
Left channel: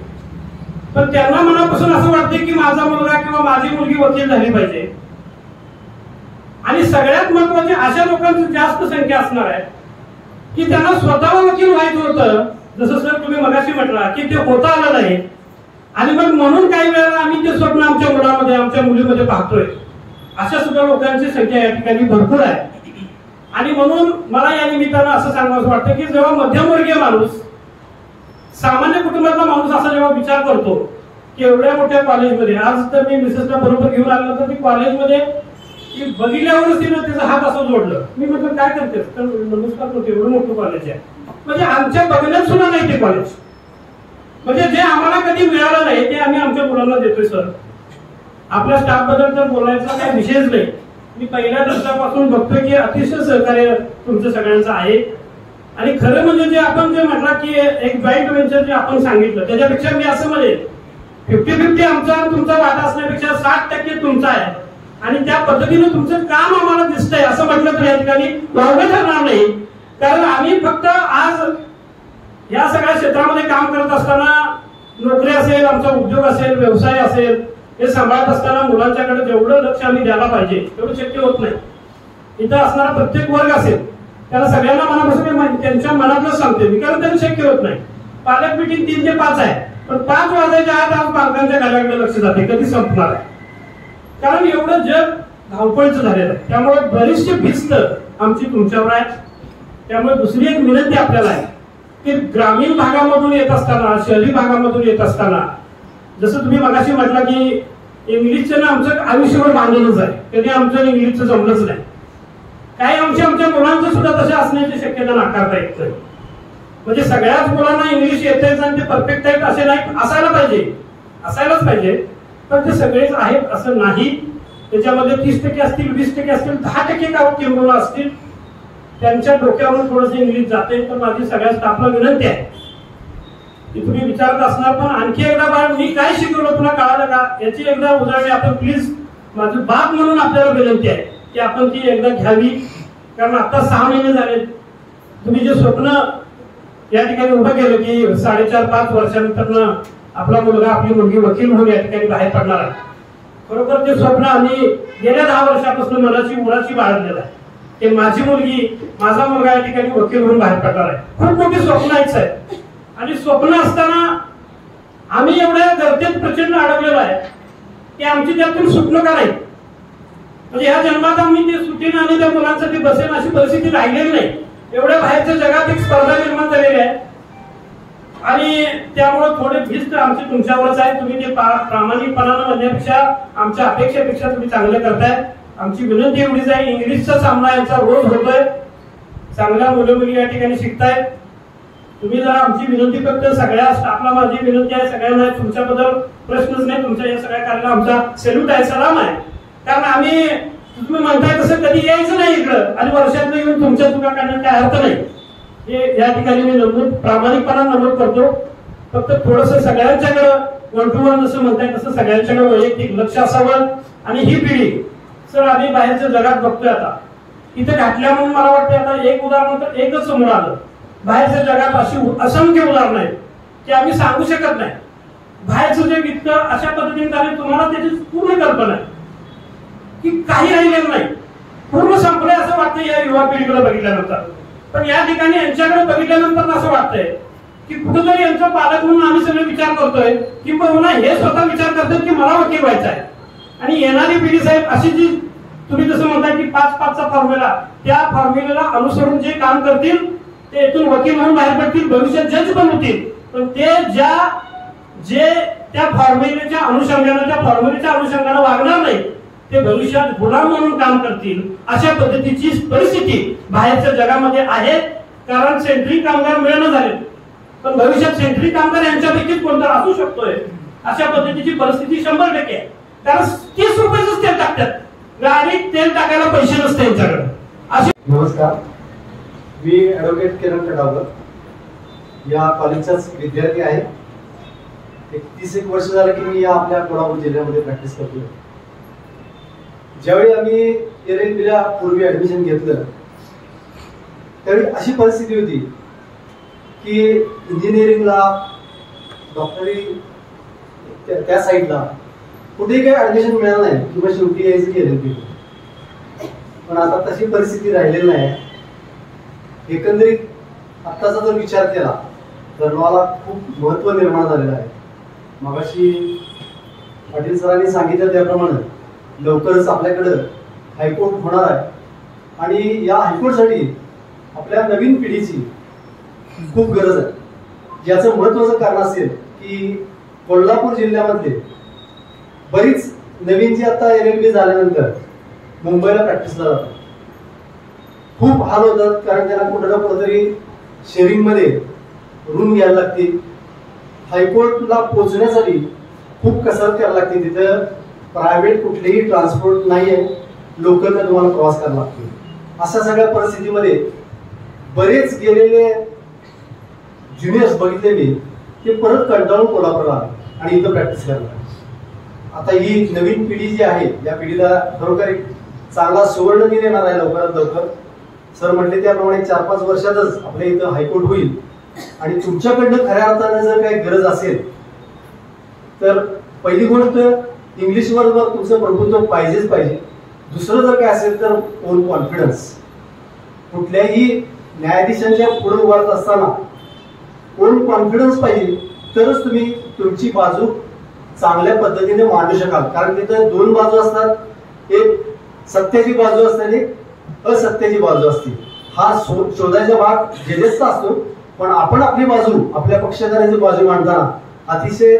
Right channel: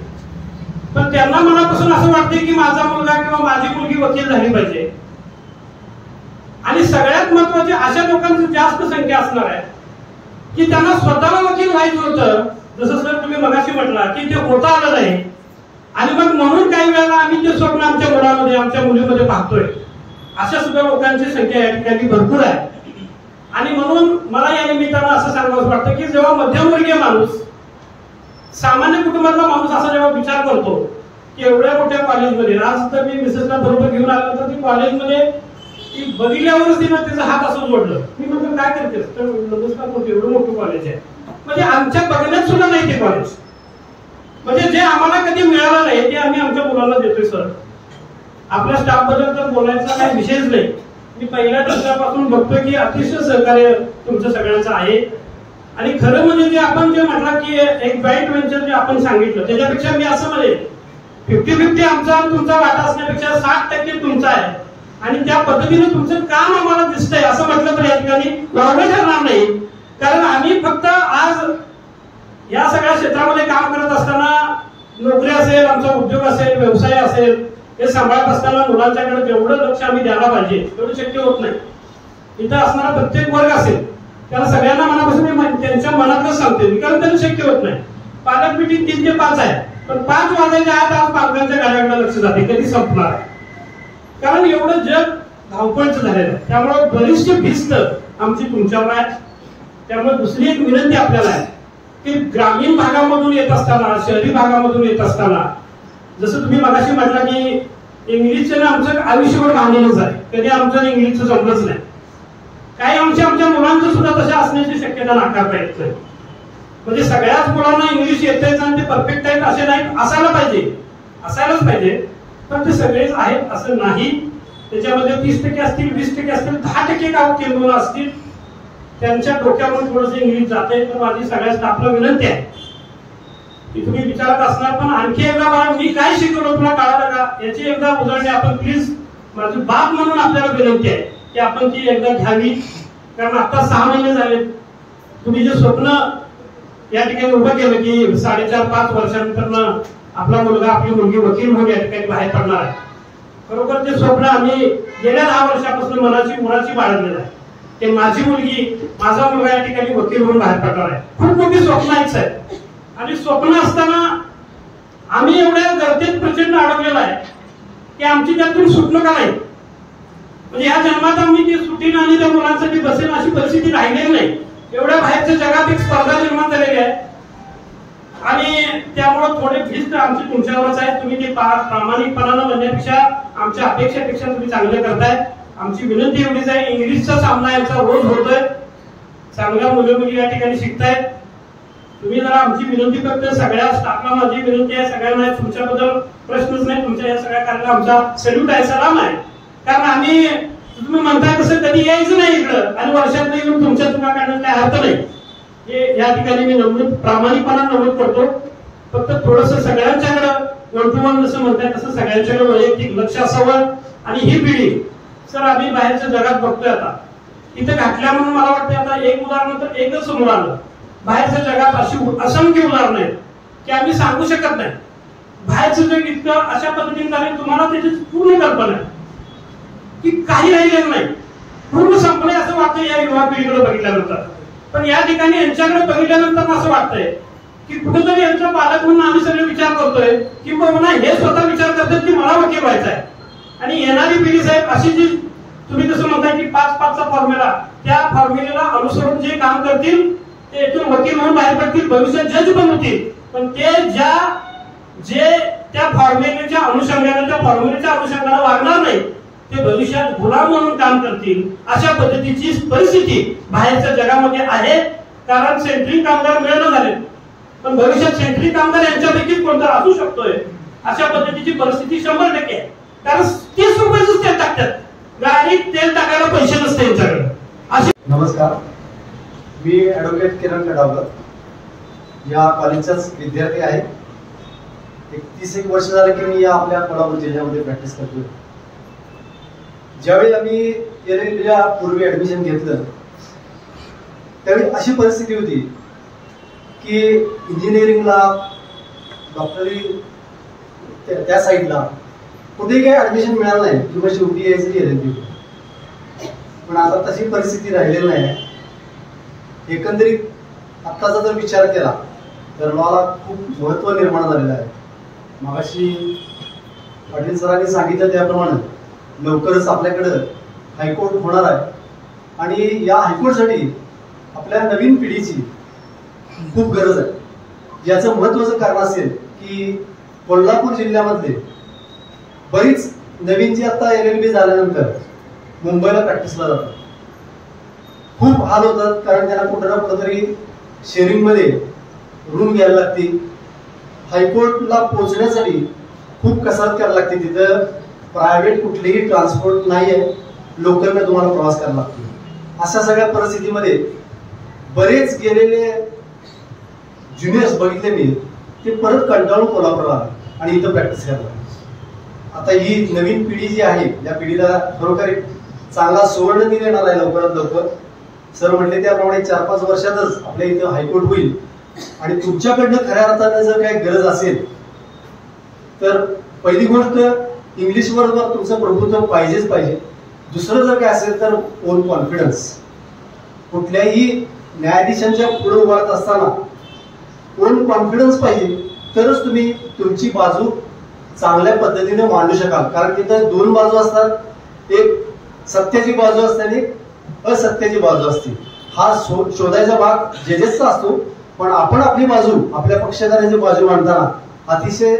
पण त्यांना मनापासून असं वाटते की माझा मुलगा किंवा माझी मुलगी वकील झाली पाहिजे. आणि सगळ्यात महत्वाचे अशा लोकांची जास्त संख्या असणार आहे की त्यांना स्वतःला वकील व्हायचं होतं, जसं सर तुम्ही मगाशी म्हटला की ते होता आलं नाही. आणि मग म्हणून काही वेळेला आम्ही ते स्वप्न आमच्या मुलामध्ये आमच्या मुलीमध्ये पाहतोय. अशा सुद्धा लोकांची संख्या या ठिकाणी भरपूर आहे. आणि म्हणून मला या निमित्तानं असं सांगावं वाटतं की जेव्हा मध्यमवर्गीय माणूस, सामान्य कुटुंबातला माणूस असा जेव्हा विचार करतो की एवढ्या मोठ्या कॉलेजमध्ये, आज तर मी मिसेसला बरोबर घेऊन आल्यानंतर ती कॉलेजमध्ये ती बघितल्यावरच तिनं तिचा हात असं जोडलं. मी म्हटलं काय करतेस, तर नमस्कार करतो, एवढं मोठं कॉलेज आहे. म्हणजे आमच्या बघण्यात सुद्धा नाही ते कॉलेज. म्हणजे जे आम्हाला कधी मिळालं नाही ते आम्ही आमच्या मुलांना देतोय. सर आपल्या स्टाफ बद्दल तर बोलायचा काही विषयच नाही. मी पहिल्या दिवसापासून बघतोय की अतिशय सहकार्य तुमचं सगळ्यांचं आहे. आणि खरं म्हणजे जे आपण जे म्हटलं की एक जॉईंट व्हेंचर जे आपण सांगितलं त्याच्यापेक्षा मी असं म्हणेन 50-50 आमचा तुमचा वाटा असण्यापेक्षा 60% तुमचा आहे. आणि त्या पद्धतीने तुमचं काम आम्हाला दिसतंय असं म्हटलं तर या ठिकाणी वावगं ठरणार नाही. कारण आम्ही फक्त आज या सगळ्या क्षेत्रामध्ये काम करत असताना नोकरी असेल, आमचा उद्योग असेल, व्यवसाय असेल, हे सांभाळत असताना मुलांच्याकडे जेवढं लक्ष आम्ही द्यायला पाहिजे तेवढं शक्य होत नाही. इथं असणारा प्रत्येक वर्ग असेल त्याला सगळ्यांना मनापासून त्यांच्या मनातलं सांगते मी, कारण त्यांना शक्य होत नाही. पालक मीटिंग 3 ते 5 आहे, पण 5 वाजायच्या आत आज पालकांच्या गाड्याकडे लक्ष जाते, कधी संपणार आहे. कारण एवढं जग धावपळीचं झालेलं आहे. त्यामुळे बरीचशी भिस्त आमची तुमच्यावर आहे. त्यामुळे दुसरी एक विनंती आपल्याला आहे की ग्रामीण भागामधून येत असताना, शहरी भागामधून येत असताना, जसं तुम्ही मगाशी म्हटला की इंग्लिशचं आमचं आयुष्यभर भांडणच आहे, कधी आमचं इंग्लिशचं जमलंच नाही. काही अंश आमच्या मुलांचं सुद्धा तशा असण्याची शक्यता नाकारता येत नाही. म्हणजे सगळ्याच मुलांना इंग्लिश येतच आणि ते परफेक्ट आहेत असे नाही, असायलाच पाहिजे, पण ते सगळेच आहेत असं नाही. त्याच्यामध्ये 30% असतील, 20% असतील, 10% गाव किंवा असतील, त्यांच्या डोक्यावरून थोडंसं इंग्लिश जाते. तर माझी सगळ्या स्टाफला विनंती आहे की तुम्ही विचारत असणार पण आणखी एकदा बाळ मी काय शिकवलं तुला कळालं का याची एकदा उदाहरणे आपण प्लीज, माझी बाप म्हणून आपल्याला विनंती आहे की आपण ती एकदा घ्यावी. कारण आता 6 महिने झाले, तुम्ही जे स्वप्न या ठिकाणी उभं केलं की 4.5-5 वर्षानंतर आपला मुलगा आपली मुलगी वकील म्हणून या ठिकाणी बाहेर पडणार आहे. बरोबर ते स्वप्न आम्ही गेल्या 10 वर्षापासून मुलाची बाळगलेलं आहे की माझी मुलगी, माझा मुलगा या ठिकाणी वकील म्हणून बाहेर पडणार आहे. खूप मोठी स्वप्न आहेत. आणि स्वप्न असताना आम्ही एवढ्या गर्दीत प्रचंड अडकलेलो आहे की आमची त्यातून सुटणं का नाही. म्हणजे ह्या जन्मात आम्ही ती सुटीने आणि त्या मुलांसाठी बसेल अशी परिस्थिती राहिलेली नाही. एवढ्या बाहेरच्या जगात एक स्पर्धा निर्माण झालेली आहे आणि त्यामुळे थोडे भिस्त आमची तुमच्यावरच आहे. तुम्ही ते प्रामाणिकपणानं म्हणण्यापेक्षा आमच्या अपेक्षेपेक्षा तुम्ही चांगलं करताय. आमची विनंती एवढीच आहे, इंग्लिशचा सामना यांचा रोज होतोय, चांगल्या मुलं मुली या ठिकाणी शिकतायत. तुम्ही जरा आमची विनंती फक्त सगळ्या स्टाफला माझी विनंती आहे, सगळ्यांना तुमच्याबद्दल प्रश्नच नाही, तुमच्या या सगळ्या कार्याला आमचा सॅल्यूट आहे, सलाम आहे. कारण आम्ही तुम्ही म्हणताय तसं कधी यायचं नाही इकडं आणि वर्षात येऊन तुमच्या चुका काढण्यात काय अर्थ नाही. हे या ठिकाणी मी प्रामाणिकपणा नमूद करतो. फक्त थोडस सगळ्यांच्याकडं 1 to 1 जसं म्हणताय तसं सगळ्यांच्याकडे वैयक्तिक लक्ष असावं. आणि ही पिढी सर आम्ही बाहेरच्या जगात बघतोय, आता इथे घातल्या म्हणून मला वाटतं आता एक उदाहरण तर एकच समोर आलं. बाहेरच्या जगात अशी असंख्य उदाहरणं आहेत की आम्ही सांगू शकत नाही. बाहेरचं जग इतकं अशा पद्धतीने झालं, तुम्हाला त्याची पूर्ण कल्पना आहे की काही राहिलेलं नाही, पूर्ण संपलंय असं वाटतं या युवा पिढीकडे बघितल्यानंतर. पण या ठिकाणी यांच्याकडे बघितल्यानंतर असं वाटतंय की कुठेतरी यांचा पालक म्हणून आम्ही सगळे विचार करतोय की मला हे स्वतः विचार करतात की मला वकील व्हायचं आहे. आणि येणारी पिढी साहेब अशी जी तुम्ही जसं म्हणताय की 5-5चा फॉर्म्युला, त्या फॉर्म्युलेला अनुसरून जे काम करतील ते इथून वकील म्हणून बाहेर पडतील, भविष्यात जज पण होतील. पण ते जे त्या फॉर्म्युलेच्या अनुषंगाने वागणार नाही, ते भविष्यात गुलाम म्हणून काम करतील. अशा पद्धतीची परिस्थिती बाहेरच्या जगामध्ये आहे. कारण सेंट्रिक कामगार मिळणं झाले, पण भविष्यात सेंट्रिक कामगार यांच्यापैकीच कोणता असू शकतोय. अशा पद्धतीची परिस्थिती 100% आहे. कारण 30 रुपयाच तेल टाकतात, गाडीत तेल टाकायला पैसे नसते यांच्याकडे. अशी नमस्कार, मी ऍडव्होकेट किरण खटावकर, या कॉलेजचाच विद्यार्थी आहे. 30 वर्ष झालं की मी या आपल्या कोल्हापूर जिल्ह्यामध्ये प्रॅक्टिस करतो. ज्यावेळी आम्ही LLBला पूर्वी ऍडमिशन घेतलं त्यावेळी अशी परिस्थिती होती की इंजिनिअरिंगला, डॉक्टरी त्या साईडला कुठेही काही ऍडमिशन मिळालं नाही किंवा शेवटी यायचं LLB. पण आता तशी परिस्थिती राहिलेली नाही. एकंदरीत आत्ताचा जर विचार केला तर मला खूप महत्व निर्माण झालेलं आहे. मगाशी पाटील सरांनी सांगितलं त्याप्रमाणे लवकरच आपल्याकडं हायकोर्ट होणार आहे आणि या हायकोर्टसाठी आपल्या नवीन पिढीची खूप गरज आहे. याचं महत्वाचं कारण असेल की कोल्हापूर जिल्ह्यामधले बरीच नवीन जी आता LLB झाल्यानंतर मुंबईला प्रॅक्टिसला जातात. खूप हाल होतात, कारण त्यांना कुठं ना कुठंतरी शेअरिंगमध्ये रूम घ्यायला लागते. हायकोर्टला पोहोचण्यासाठी खूप कसरत करायला लागते. तिथं प्रायव्हेट कुठलेही ट्रान्सपोर्ट नाही आहे, लोकलने तुम्हाला प्रवास करावा लागतो. अशा सगळ्या परिस्थितीमध्ये बरेच गेलेले ज्युनियर्स बघितले मी, ते परत कंटाळून कोल्हापूरला आले आणि इथं प्रॅक्टिस करायला. आता ही नवीन पिढी जी आहे, या पिढीला खरोखर एक चांगला सुवर्ण दिन येणार आहे लवकरात लवकर. सर म्हटले त्याप्रमाणे 4-5 वर्षातच आपल्या इथं हायकोर्ट होईल. आणि तुमच्याकडनं खऱ्या अर्थानं जर काही गरज असेल तर पहिली गोष्ट इंग्लिशवर तुमचं प्रभुत्व पाहिजेच पाहिजे. दुसरं जर काय असेल तर ओन कॉन्फिडन्स. कुठल्याही न्यायाधीशांच्या पुढे उभारत असताना ओन कॉन्फिडन्स पाहिजे, तरच तुम्ही तुमची बाजू चांगल्या पद्धतीने मांडू शकाल. कारण तिथं 2 बाजू असतात, एक सत्याची बाजू असते आणि असत्याची बाजू असते. हा शोधायचा भाग जजेसचा असतो, पण आपण आपली बाजू, आपल्या पक्षकारांची बाजू मांडताना अतिशय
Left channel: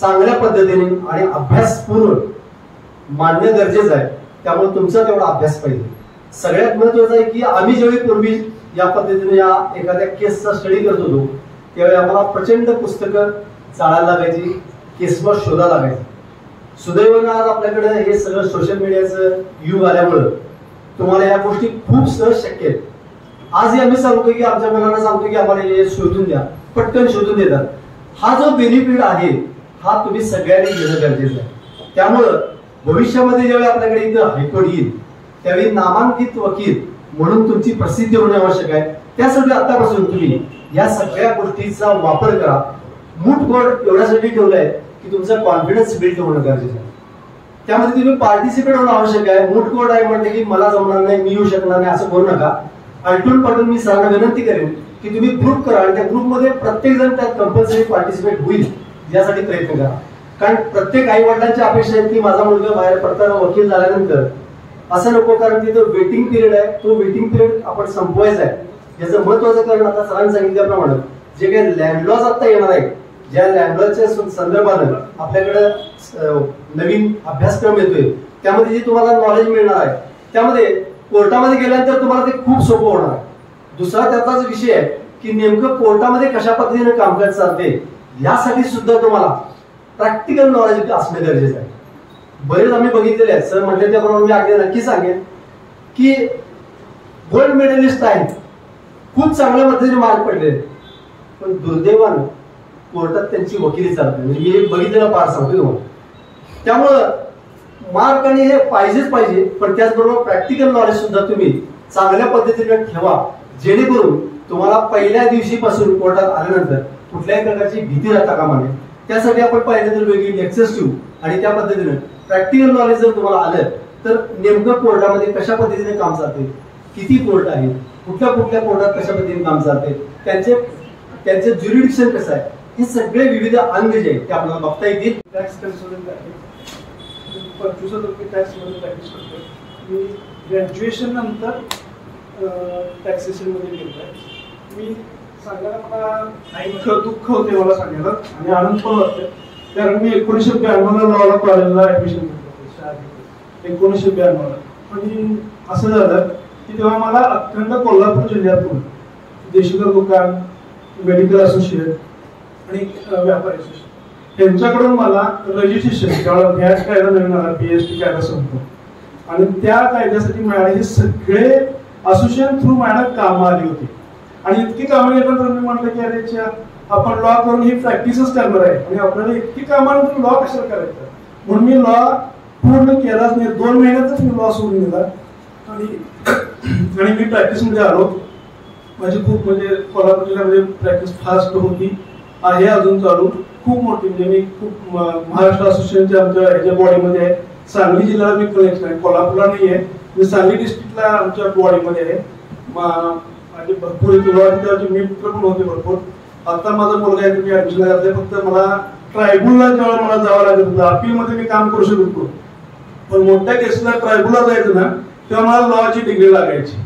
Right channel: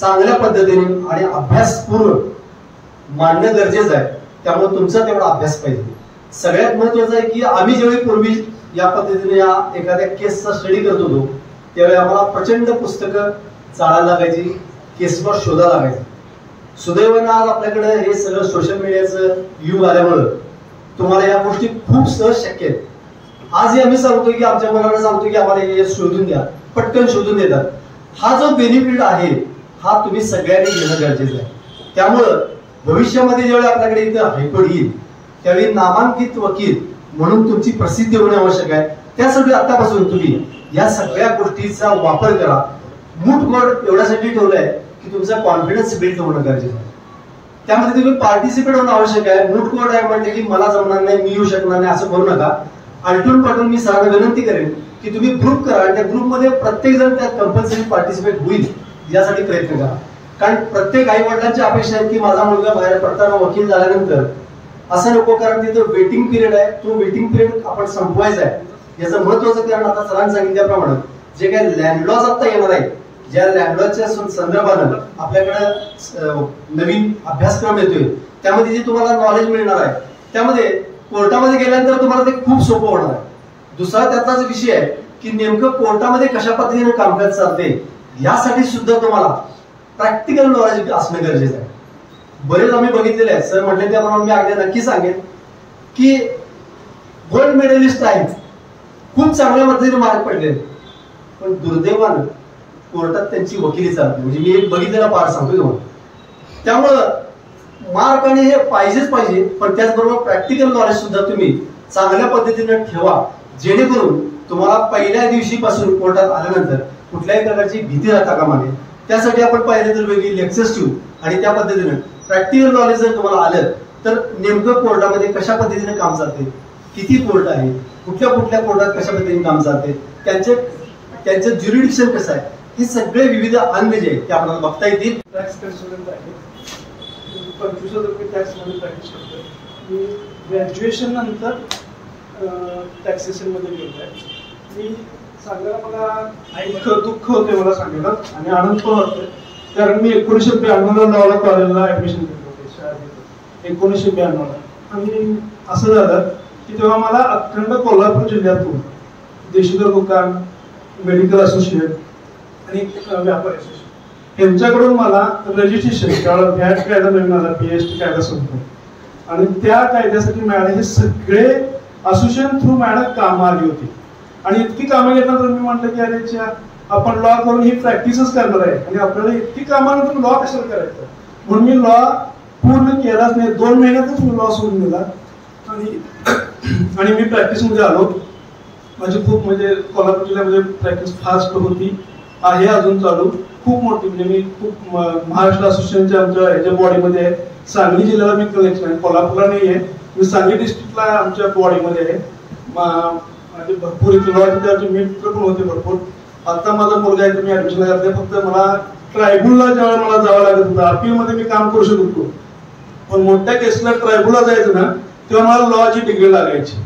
चांगल्या पद्धतीने आणि अभ्यासपूर्ण मांडणं गरजेचं आहे. त्यामुळे तुमचा तेवढा अभ्यास पाहिजे. सगळ्यात महत्वाचं आहे की आम्ही ज्यावेळी पूर्वी या पद्धतीने या एखाद्या केसचा स्टडी करत होतो त्यावेळी आम्हाला प्रचंड पुस्तकं चाळायला लागायची, केसवर शोधा लागायची. सुदैवानं आज आपल्याकडे हे सगळं सोशल मीडियाचं युग आल्यामुळं तुम्हाला या गोष्टी खूप सहज शक्य आहेत. आजही आम्ही सांगतो की आमच्या मुलांना सांगतो की आम्हाला हे शोधून द्या, पटकन शोधून देतात. हा जो बेनिफिट आहे हा तुम्ही सगळ्यांनी घेणं गरजेचं आहे. त्यामुळं भविष्यामध्ये ज्यावेळी आपल्याकडे इथं हायकोर्ट येईल त्यावेळी नामांकित वकील म्हणून तुमची प्रसिद्धी होणे आवश्यक आहे. त्यासाठी आतापासून तुम्ही या सगळ्या गोष्टीचा वापर करा. मूठ कोर्ट एवढ्यासाठी ठेवलंय की तुमचा कॉन्फिडन्स बिल्ड होणं गरजेचं आहे. त्यामध्ये तुम्ही पार्टिसिपेट होणं आवश्यक आहे. मूठ कोर्ट आहे म्हणजे की मला जमणार नाही, मी येऊ शकणार नाही असं करू नका. आलटून पाठवून मी सरांना विनंती करेन की तुम्ही ग्रुप करा आणि त्या ग्रुपमध्ये प्रत्येक जण त्यात कंपल्सरी पार्टिसिपेट होईल यासाठी प्रयत्न करा. कारण प्रत्येक आई वडिलांची अपेक्षा आहे की माझा मुलगा बाहेर पडताना वकील झाल्यानंतर असं नको, कारण तिथं वेटिंग पिरियड आहे, तो वेटिंग पिरियड आपण संपवायचा आहे. याचं महत्वाचं कारण आता सरांनी सांगितल्याप्रमाणे जे काही लँडलॉज आता येणार आहे, ज्या लँडलॉजच्या संदर्भानं आपल्याकडे नवीन अभ्यासक्रम येतोय त्यामध्ये जे तुम्हाला नॉलेज मिळणार आहे त्यामध्ये कोर्टामध्ये गेल्यानंतर तुम्हाला ते खूप सोपं होणार आहे. दुसरा त्याचाच विषय आहे की नेमकं कोर्टामध्ये कशा पद्धतीने कामकाज चालते यासाठी सुद्धा तुम्हाला प्रॅक्टिकल नॉलेज असणं गरजेचं आहे. बरेच आम्ही बघितलेले आहेत, सर म्हटले त्याप्रमाणे मी अगदी नक्की सांगेन की गोल्ड मेडलिस्ट आहेत, खूप चांगल्या पद्धतीने मार्क पडले, पण दुर्दैवानं कोर्टात त्यांची वकिली चालते. म्हणजे मी एक बघितलेला पार सांगतो तुम्हाला. त्यामुळं मार्क आणि हे पाहिजेच पाहिजे, पण त्याचबरोबर प्रॅक्टिकल नॉलेज सुद्धा तुम्ही चांगल्या पद्धतीने ठेवा, जेणेकरून तुम्हाला पहिल्या दिवशीपासून कोर्टात आल्यानंतर कुठल्याही प्रकारची भीती राहता कामा नये. त्यासाठी आपण पाहिजे तर वेगळी लेक्चर्स ठेवू आणि त्या पद्धतीने प्रॅक्टिकल नॉलेज जर तुम्हाला आलं तर नेमकं कोर्टामध्ये कशा पद्धतीने काम चालते, किती कोर्ट आहे, कुठल्या कुठल्या कोर्टात कशा पद्धतीने काम चालते, त्यांचं ज्युरिडिक्शन कसं आहे, हे सगळे विविध अंग जे आहेत ते आपल्याला बघता येतील. टॅक्स कन्सल्टंट आहे, 25,000 रुपये टॅक्स मध्ये प्रॅक्टिस करतोय. मी ग्रॅज्युएशन नंतर टॅक्सेशन मध्ये गेलो आहे. मी सांगायला मला दुःख होते मला सांगायला आणि आनंद पण वाटतोय, कारण मी 1992 लॉला कॉलेजला ऍडमिशन घेतलं होते शाळेत 1992. आणि असं झालं की तेव्हा मला अखंड कोल्हापूर जिल्ह्यातून देशीकर दुकान, मेडिकल असोसिएट आणि व्यापार असोसिएट यांच्याकडून मला रजिस्ट्रेशन, त्यावेळेला व्हॅट कायदा नवीन आला, PST कायदा संपतो आणि त्या कायद्यासाठी मॅडम हे सगळे असोसिएशन थ्रू मॅडम कामं आली होती. आणि इतकी कामं घेतल्यानंतर मी म्हटलं की अरे आपण लॉ करून ही प्रॅक्टिसच करणार आहे आणि आपल्याला इतकी कामानंतर लॉ कशाला करायचं, म्हणून मी लॉ पूर्ण केलाच नाही. 2 महिन्यातच मी लॉ सोडून दिला आणि मी प्रॅक्टिसमध्ये आलो. माझी खूप म्हणजे कोल्हापूर जिल्ह्यामध्ये प्रॅक्टिस फास्ट होती, आहे अजून चालू, खूप मोठी. म्हणजे मी खूप महाराष्ट्र असोसिएशनच्या आमच्या ह्याच्या बॉडीमध्ये आहे. सांगली जिल्ह्याला मी कनेक्शन आहे, कोल्हापूरला नाही आहे. मी सांगली डिस्ट्रिक्टला आमच्या बॉडीमध्ये आहे. माझे भरपूर इथे मित्र पण होते भरपूर. आता माझा मुलगा आहे, तुम्ही ऍडमिशन करते. फक्त मला ट्रायब्युनलला जेव्हा मला जावं लागत होतं, अपीलमध्ये मी काम करू शकत होतो, पण मोठ्या केसला ट्रायब्युनलला जायचं ना तेव्हा मला लॉची डिग्री लागायची.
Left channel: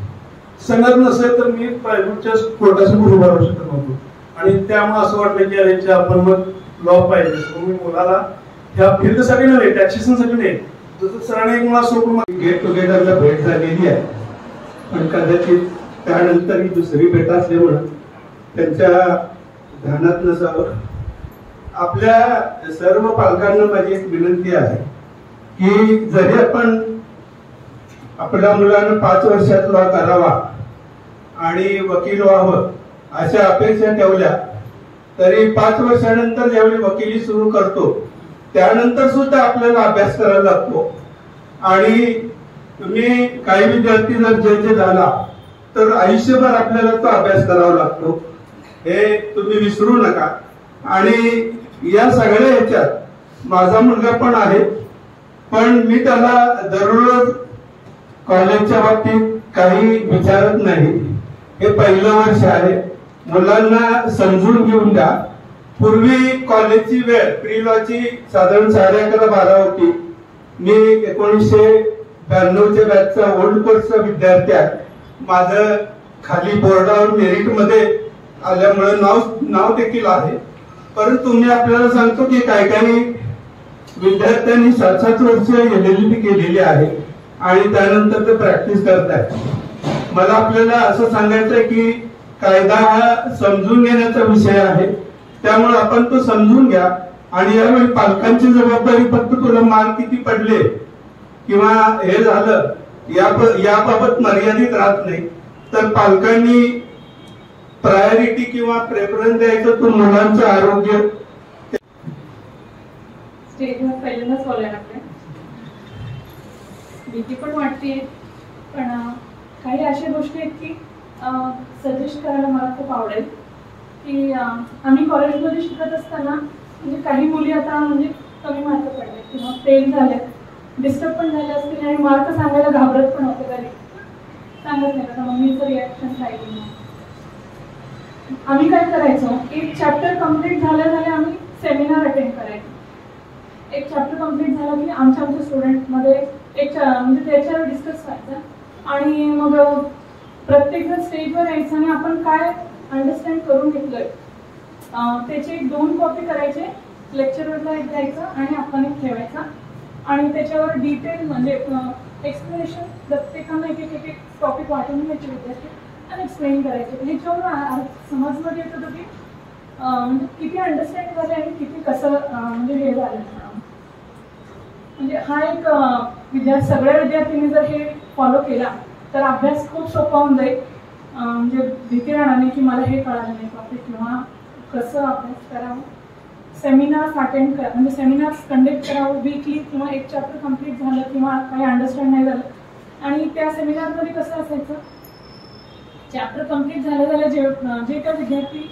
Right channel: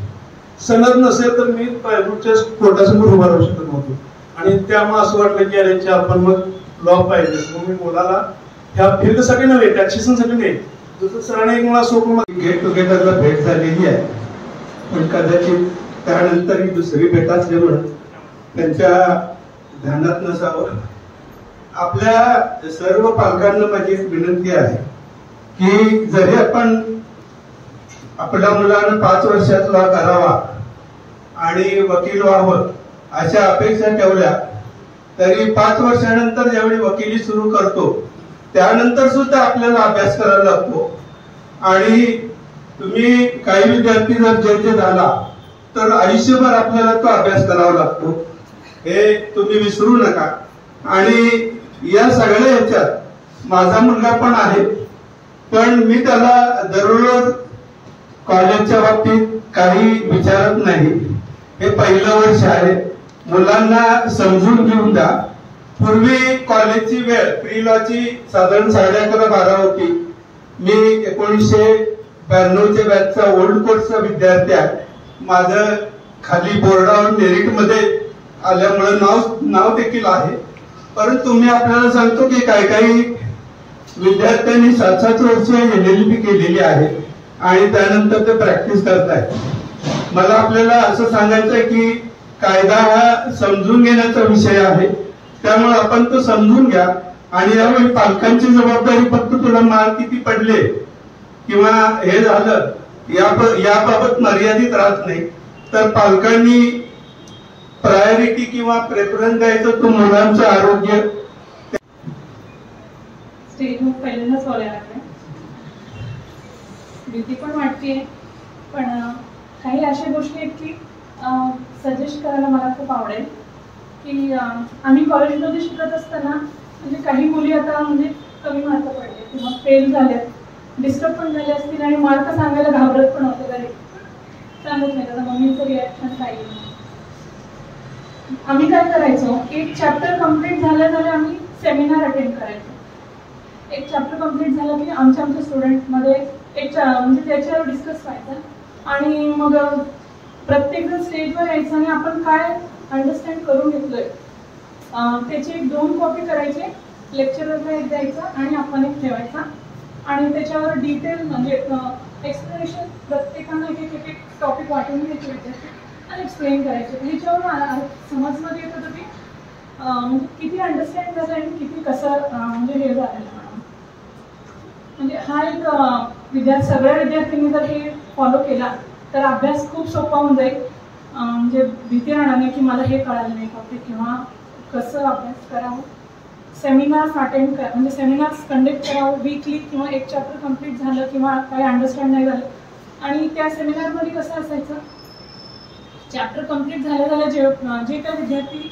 संगत नसेल तर मी ट्रायब्युनलच्या कोर्टासमोर उभा राहू शकत नव्हतो. आणि त्यामुळे असं वाटलं की अरे आपण मग लॉ पाहिजे. मी मुलाला ह्या फील्डसाठी नव्हे, टॅक्सेशनसाठी नाही, जसं सरांनी एक मला सोडून गेट टुगेदरला भेट झालेली आहे, पण कदाचित त्यानंतर ही दुसरी भेट असल्यामुळे त्यांच्या ध्यानात नसावं. आपल्या सर्व पालकांना माझी एक विनंती आहे की जरी आपण आपल्या मुलानं 5 वर्षात लॉ करावा आणि वकील व्हावं अशा अपेक्षा ठेवल्या, तरी 5 वर्षानंतर ज्यावेळी वकिली सुरू करतो त्यानंतर सुद्धा आपल्याला अभ्यास करायला लागतो. आणि तुम्ही काही विद्यार्थी जर जज झाला तर आयुष्यभर आपल्याला तो अभ्यास करावा लागतो, हे तुम्ही विसरू नका. आणि या सगळ्या ह्याच्यात माझा मुलगा पण आहे, पण मी त्याला दररोज कॉलेजच्या बाबतीत काही विचारत नाही. हे पहिलं वर्ष आहे, मुलांना समजून घेऊन द्या. पूर्वी कॉलेजची वेळ प्री लॉची साधारण 11:30-12 होती. मी 1992च्या बॅचचा ओल्ड कोर्सचा विद्यार्थी आहे. माझं खाली बोर्डावर मेरिटमध्ये आल्यामुळे नाव देखील आहे. परंतु मी आपल्याला सांगतो की काही विद्यार्थ्यांनी 7-7 वर्ष LLB केलेली आहे आणि त्यानंतर ते प्रॅक्टिस करतायत. मला आपल्याला असं सांगायचं आहे की कायदा हा समजून घेण्याचा विषय आहे, त्यामुळे आपण तो समजून घ्या. आणि यावेळी पालकांची जबाबदारी फक्त तुला मार्क किती पडले किंवा हे झालं याबाबत मर्यादित राहत नाही, तर पालकांनी प्रायोरिटी किंवा प्रेफरन्स द्यायचं तो मुलांचं आरोग्य. स्टेजवर पहिल्यांदाच बोलायला लागले, भीती पण वाटते, पण काही अशा गोष्टी आहेत की सजेस्ट करायला मला खूप आवडेल. की आम्ही कॉलेजमध्ये शिकत असताना म्हणजे काही मुली आता म्हणजे कमी मार्क पडले किंवा फेल झाल्यात, डिस्टर्ब पण झाले असतील आणि मार्क सांगायला घाबरत पण होते, घरी सांगत नाही का मम्मीचं रिॲक्शन काय केलं. आम्ही काय करायचो, एक चॅप्टर कम्प्लीट झाल्या आम्ही सेमिनार अटेंड करायचो. एक चॅप्टर कम्प्लीट झालं की आमच्या स्टुडंटमध्ये एक म्हणजे त्याच्यावर डिस्कस व्हायचं आणि मग प्रत्येकजण स्टेजवर यायचं आणि आपण काय अंडरस्टँड करून घेतलंय त्याची 2 कॉपी करायचे, लेक्चररला एक द्यायचा आणि आपण एक ठेवायचा आणि त्याच्यावर डिटेल म्हणजे एक्सप्लेनेशन प्रत्येकानं एक टॉपिक वाटून घ्यायचे विद्यार्थी आणि एक्सप्लेन करायचे. ह्याच्यावर समजमध्ये येत होतं की म्हणजे किती अंडरस्टँड झालं आणि किती कसं म्हणजे हे झालेलं. म्हणजे हा एक सगळ्या विद्यार्थ्यांनी जर हे फॉलो केला तर अभ्यास खूप सोपा होऊन जाईल. म्हणजे भीती राहणार नाही की मला हे कळालं नाही टॉपिक किंवा कसं अभ्यास करावं. सेमिनार्स अटेंड करा, म्हणजे सेमिनार्स कंडक्ट करावं वीकली किंवा एक चॅप्टर कम्प्लीट झालं किंवा काही अंडरस्टँड नाही झालं. आणि त्या सेमिनारमध्ये कसं असायचं, चॅप्टर कम्प्लीट झालं जे त्या विद्यार्थी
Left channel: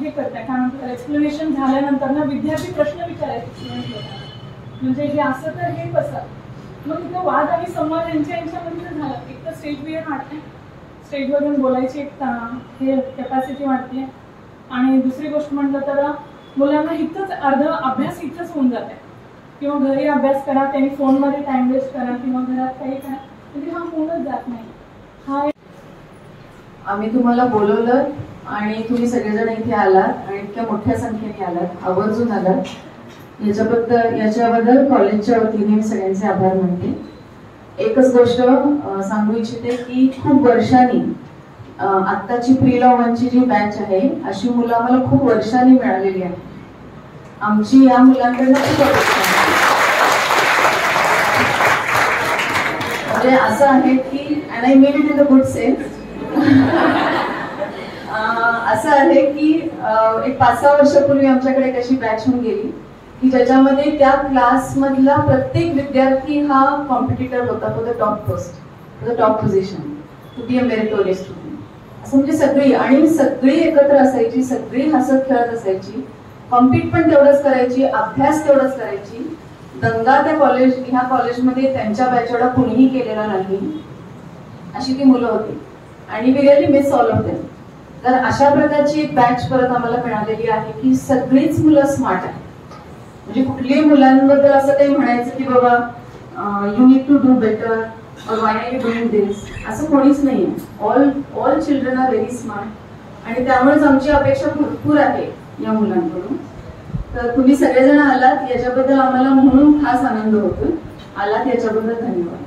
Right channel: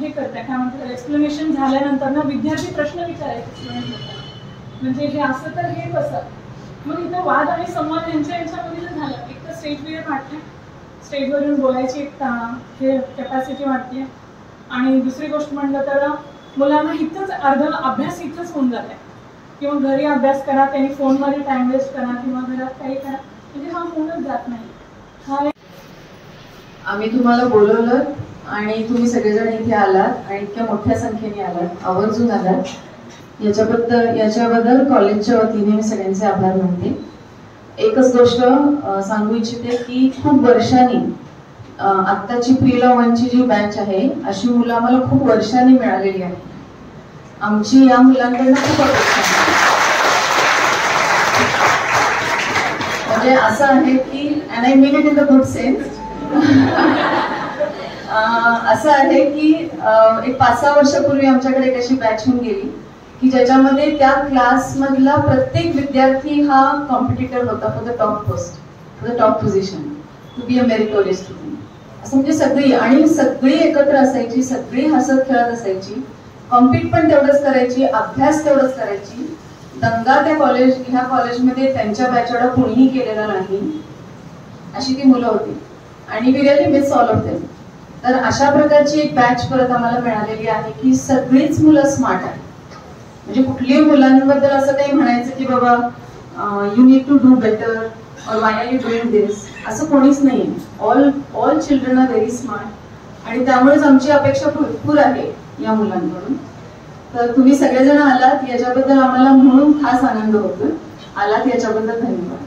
हे करतात काय म्हणतात एक्सप्लेनेशन झाल्यानंतर ना विद्यार्थी प्रश्न विचारायचे स्टुडंट लोकांना, म्हणजे हे असं तर हे कसं. मग इथं वाद आणि संवाद यांच्यामध्ये जर झालं, एक तर स्टेज फिअर वाटते, स्टेजवर येऊन बोलायची एक हे कॅपॅसिटी वाटते. आणि दुसरी गोष्ट म्हटलं तर मुलांना इथंच अभ्यास इथंच होऊन जाते किंवा घरी अभ्यास करा, त्यांनी फोनमध्ये टाइम वेस्ट करा किंवा घरात काही करा, म्हणजे हा होऊनच जात नाही. हा आम्ही तुम्हाला बोलवलं आणि तुम्ही सगळेजण इथे आलात आणि इतक्या मोठ्या संख्येने आलात, आवर्जून आलात, याच्याबद्दल कॉलेजच्या वतीने मी सगळ्यांचे आभार मानते. एकच गोष्ट सांगू इच्छिते की खूप वर्षांनी आत्ताची प्री लॉ 1ची जी बॅच आहे अशी मुलं आम्हाला खूप वर्षांनी मिळालेली आहे. आमची या मुलांकडनं खूप अपेक्षा आहे. म्हणजे असं आहे की and I mean it in the good sense, असं आहे की एक 5-6 वर्षापूर्वी आमच्याकडे एक अशी बॅच होऊन गेली की ज्याच्यामध्ये त्या क्लासमधला प्रत्येक विद्यार्थी हा कॉम्पिटिटर होता for the top post, for the top position, to be a meritorious student. असं म्हणजे सगळी एकत्र असायची, सगळी हसत खेळत असायची, कॉम्पिट पण तेवढंच करायची, अभ्यास तेवढंच करायची. दंगा ह्या कॉलेजमध्ये त्यांच्या बॅचेला कोणीही केलेला नाही, अशी ती मुलं होती आणि we really miss all of them. तर अशा प्रकारची एक बॅच परत आम्हाला मिळालेली आहे की सगळीच मुलं स्मार्ट आहेत. म्हणजे कुठल्याही मुलांबद्दल असं काही म्हणायचं की बाबा you need to do better और why are you doing this, असं कोणीच नाही. All children are very smart आणि त्यामुळेच आमची अपेक्षा भरपूर आहे या मुलांकडून. तर तुम्ही सगळेजण आलात याच्याबद्दल आम्हाला म्हणून खास आनंद होतो. आलात याच्याबद्दल धन्यवाद.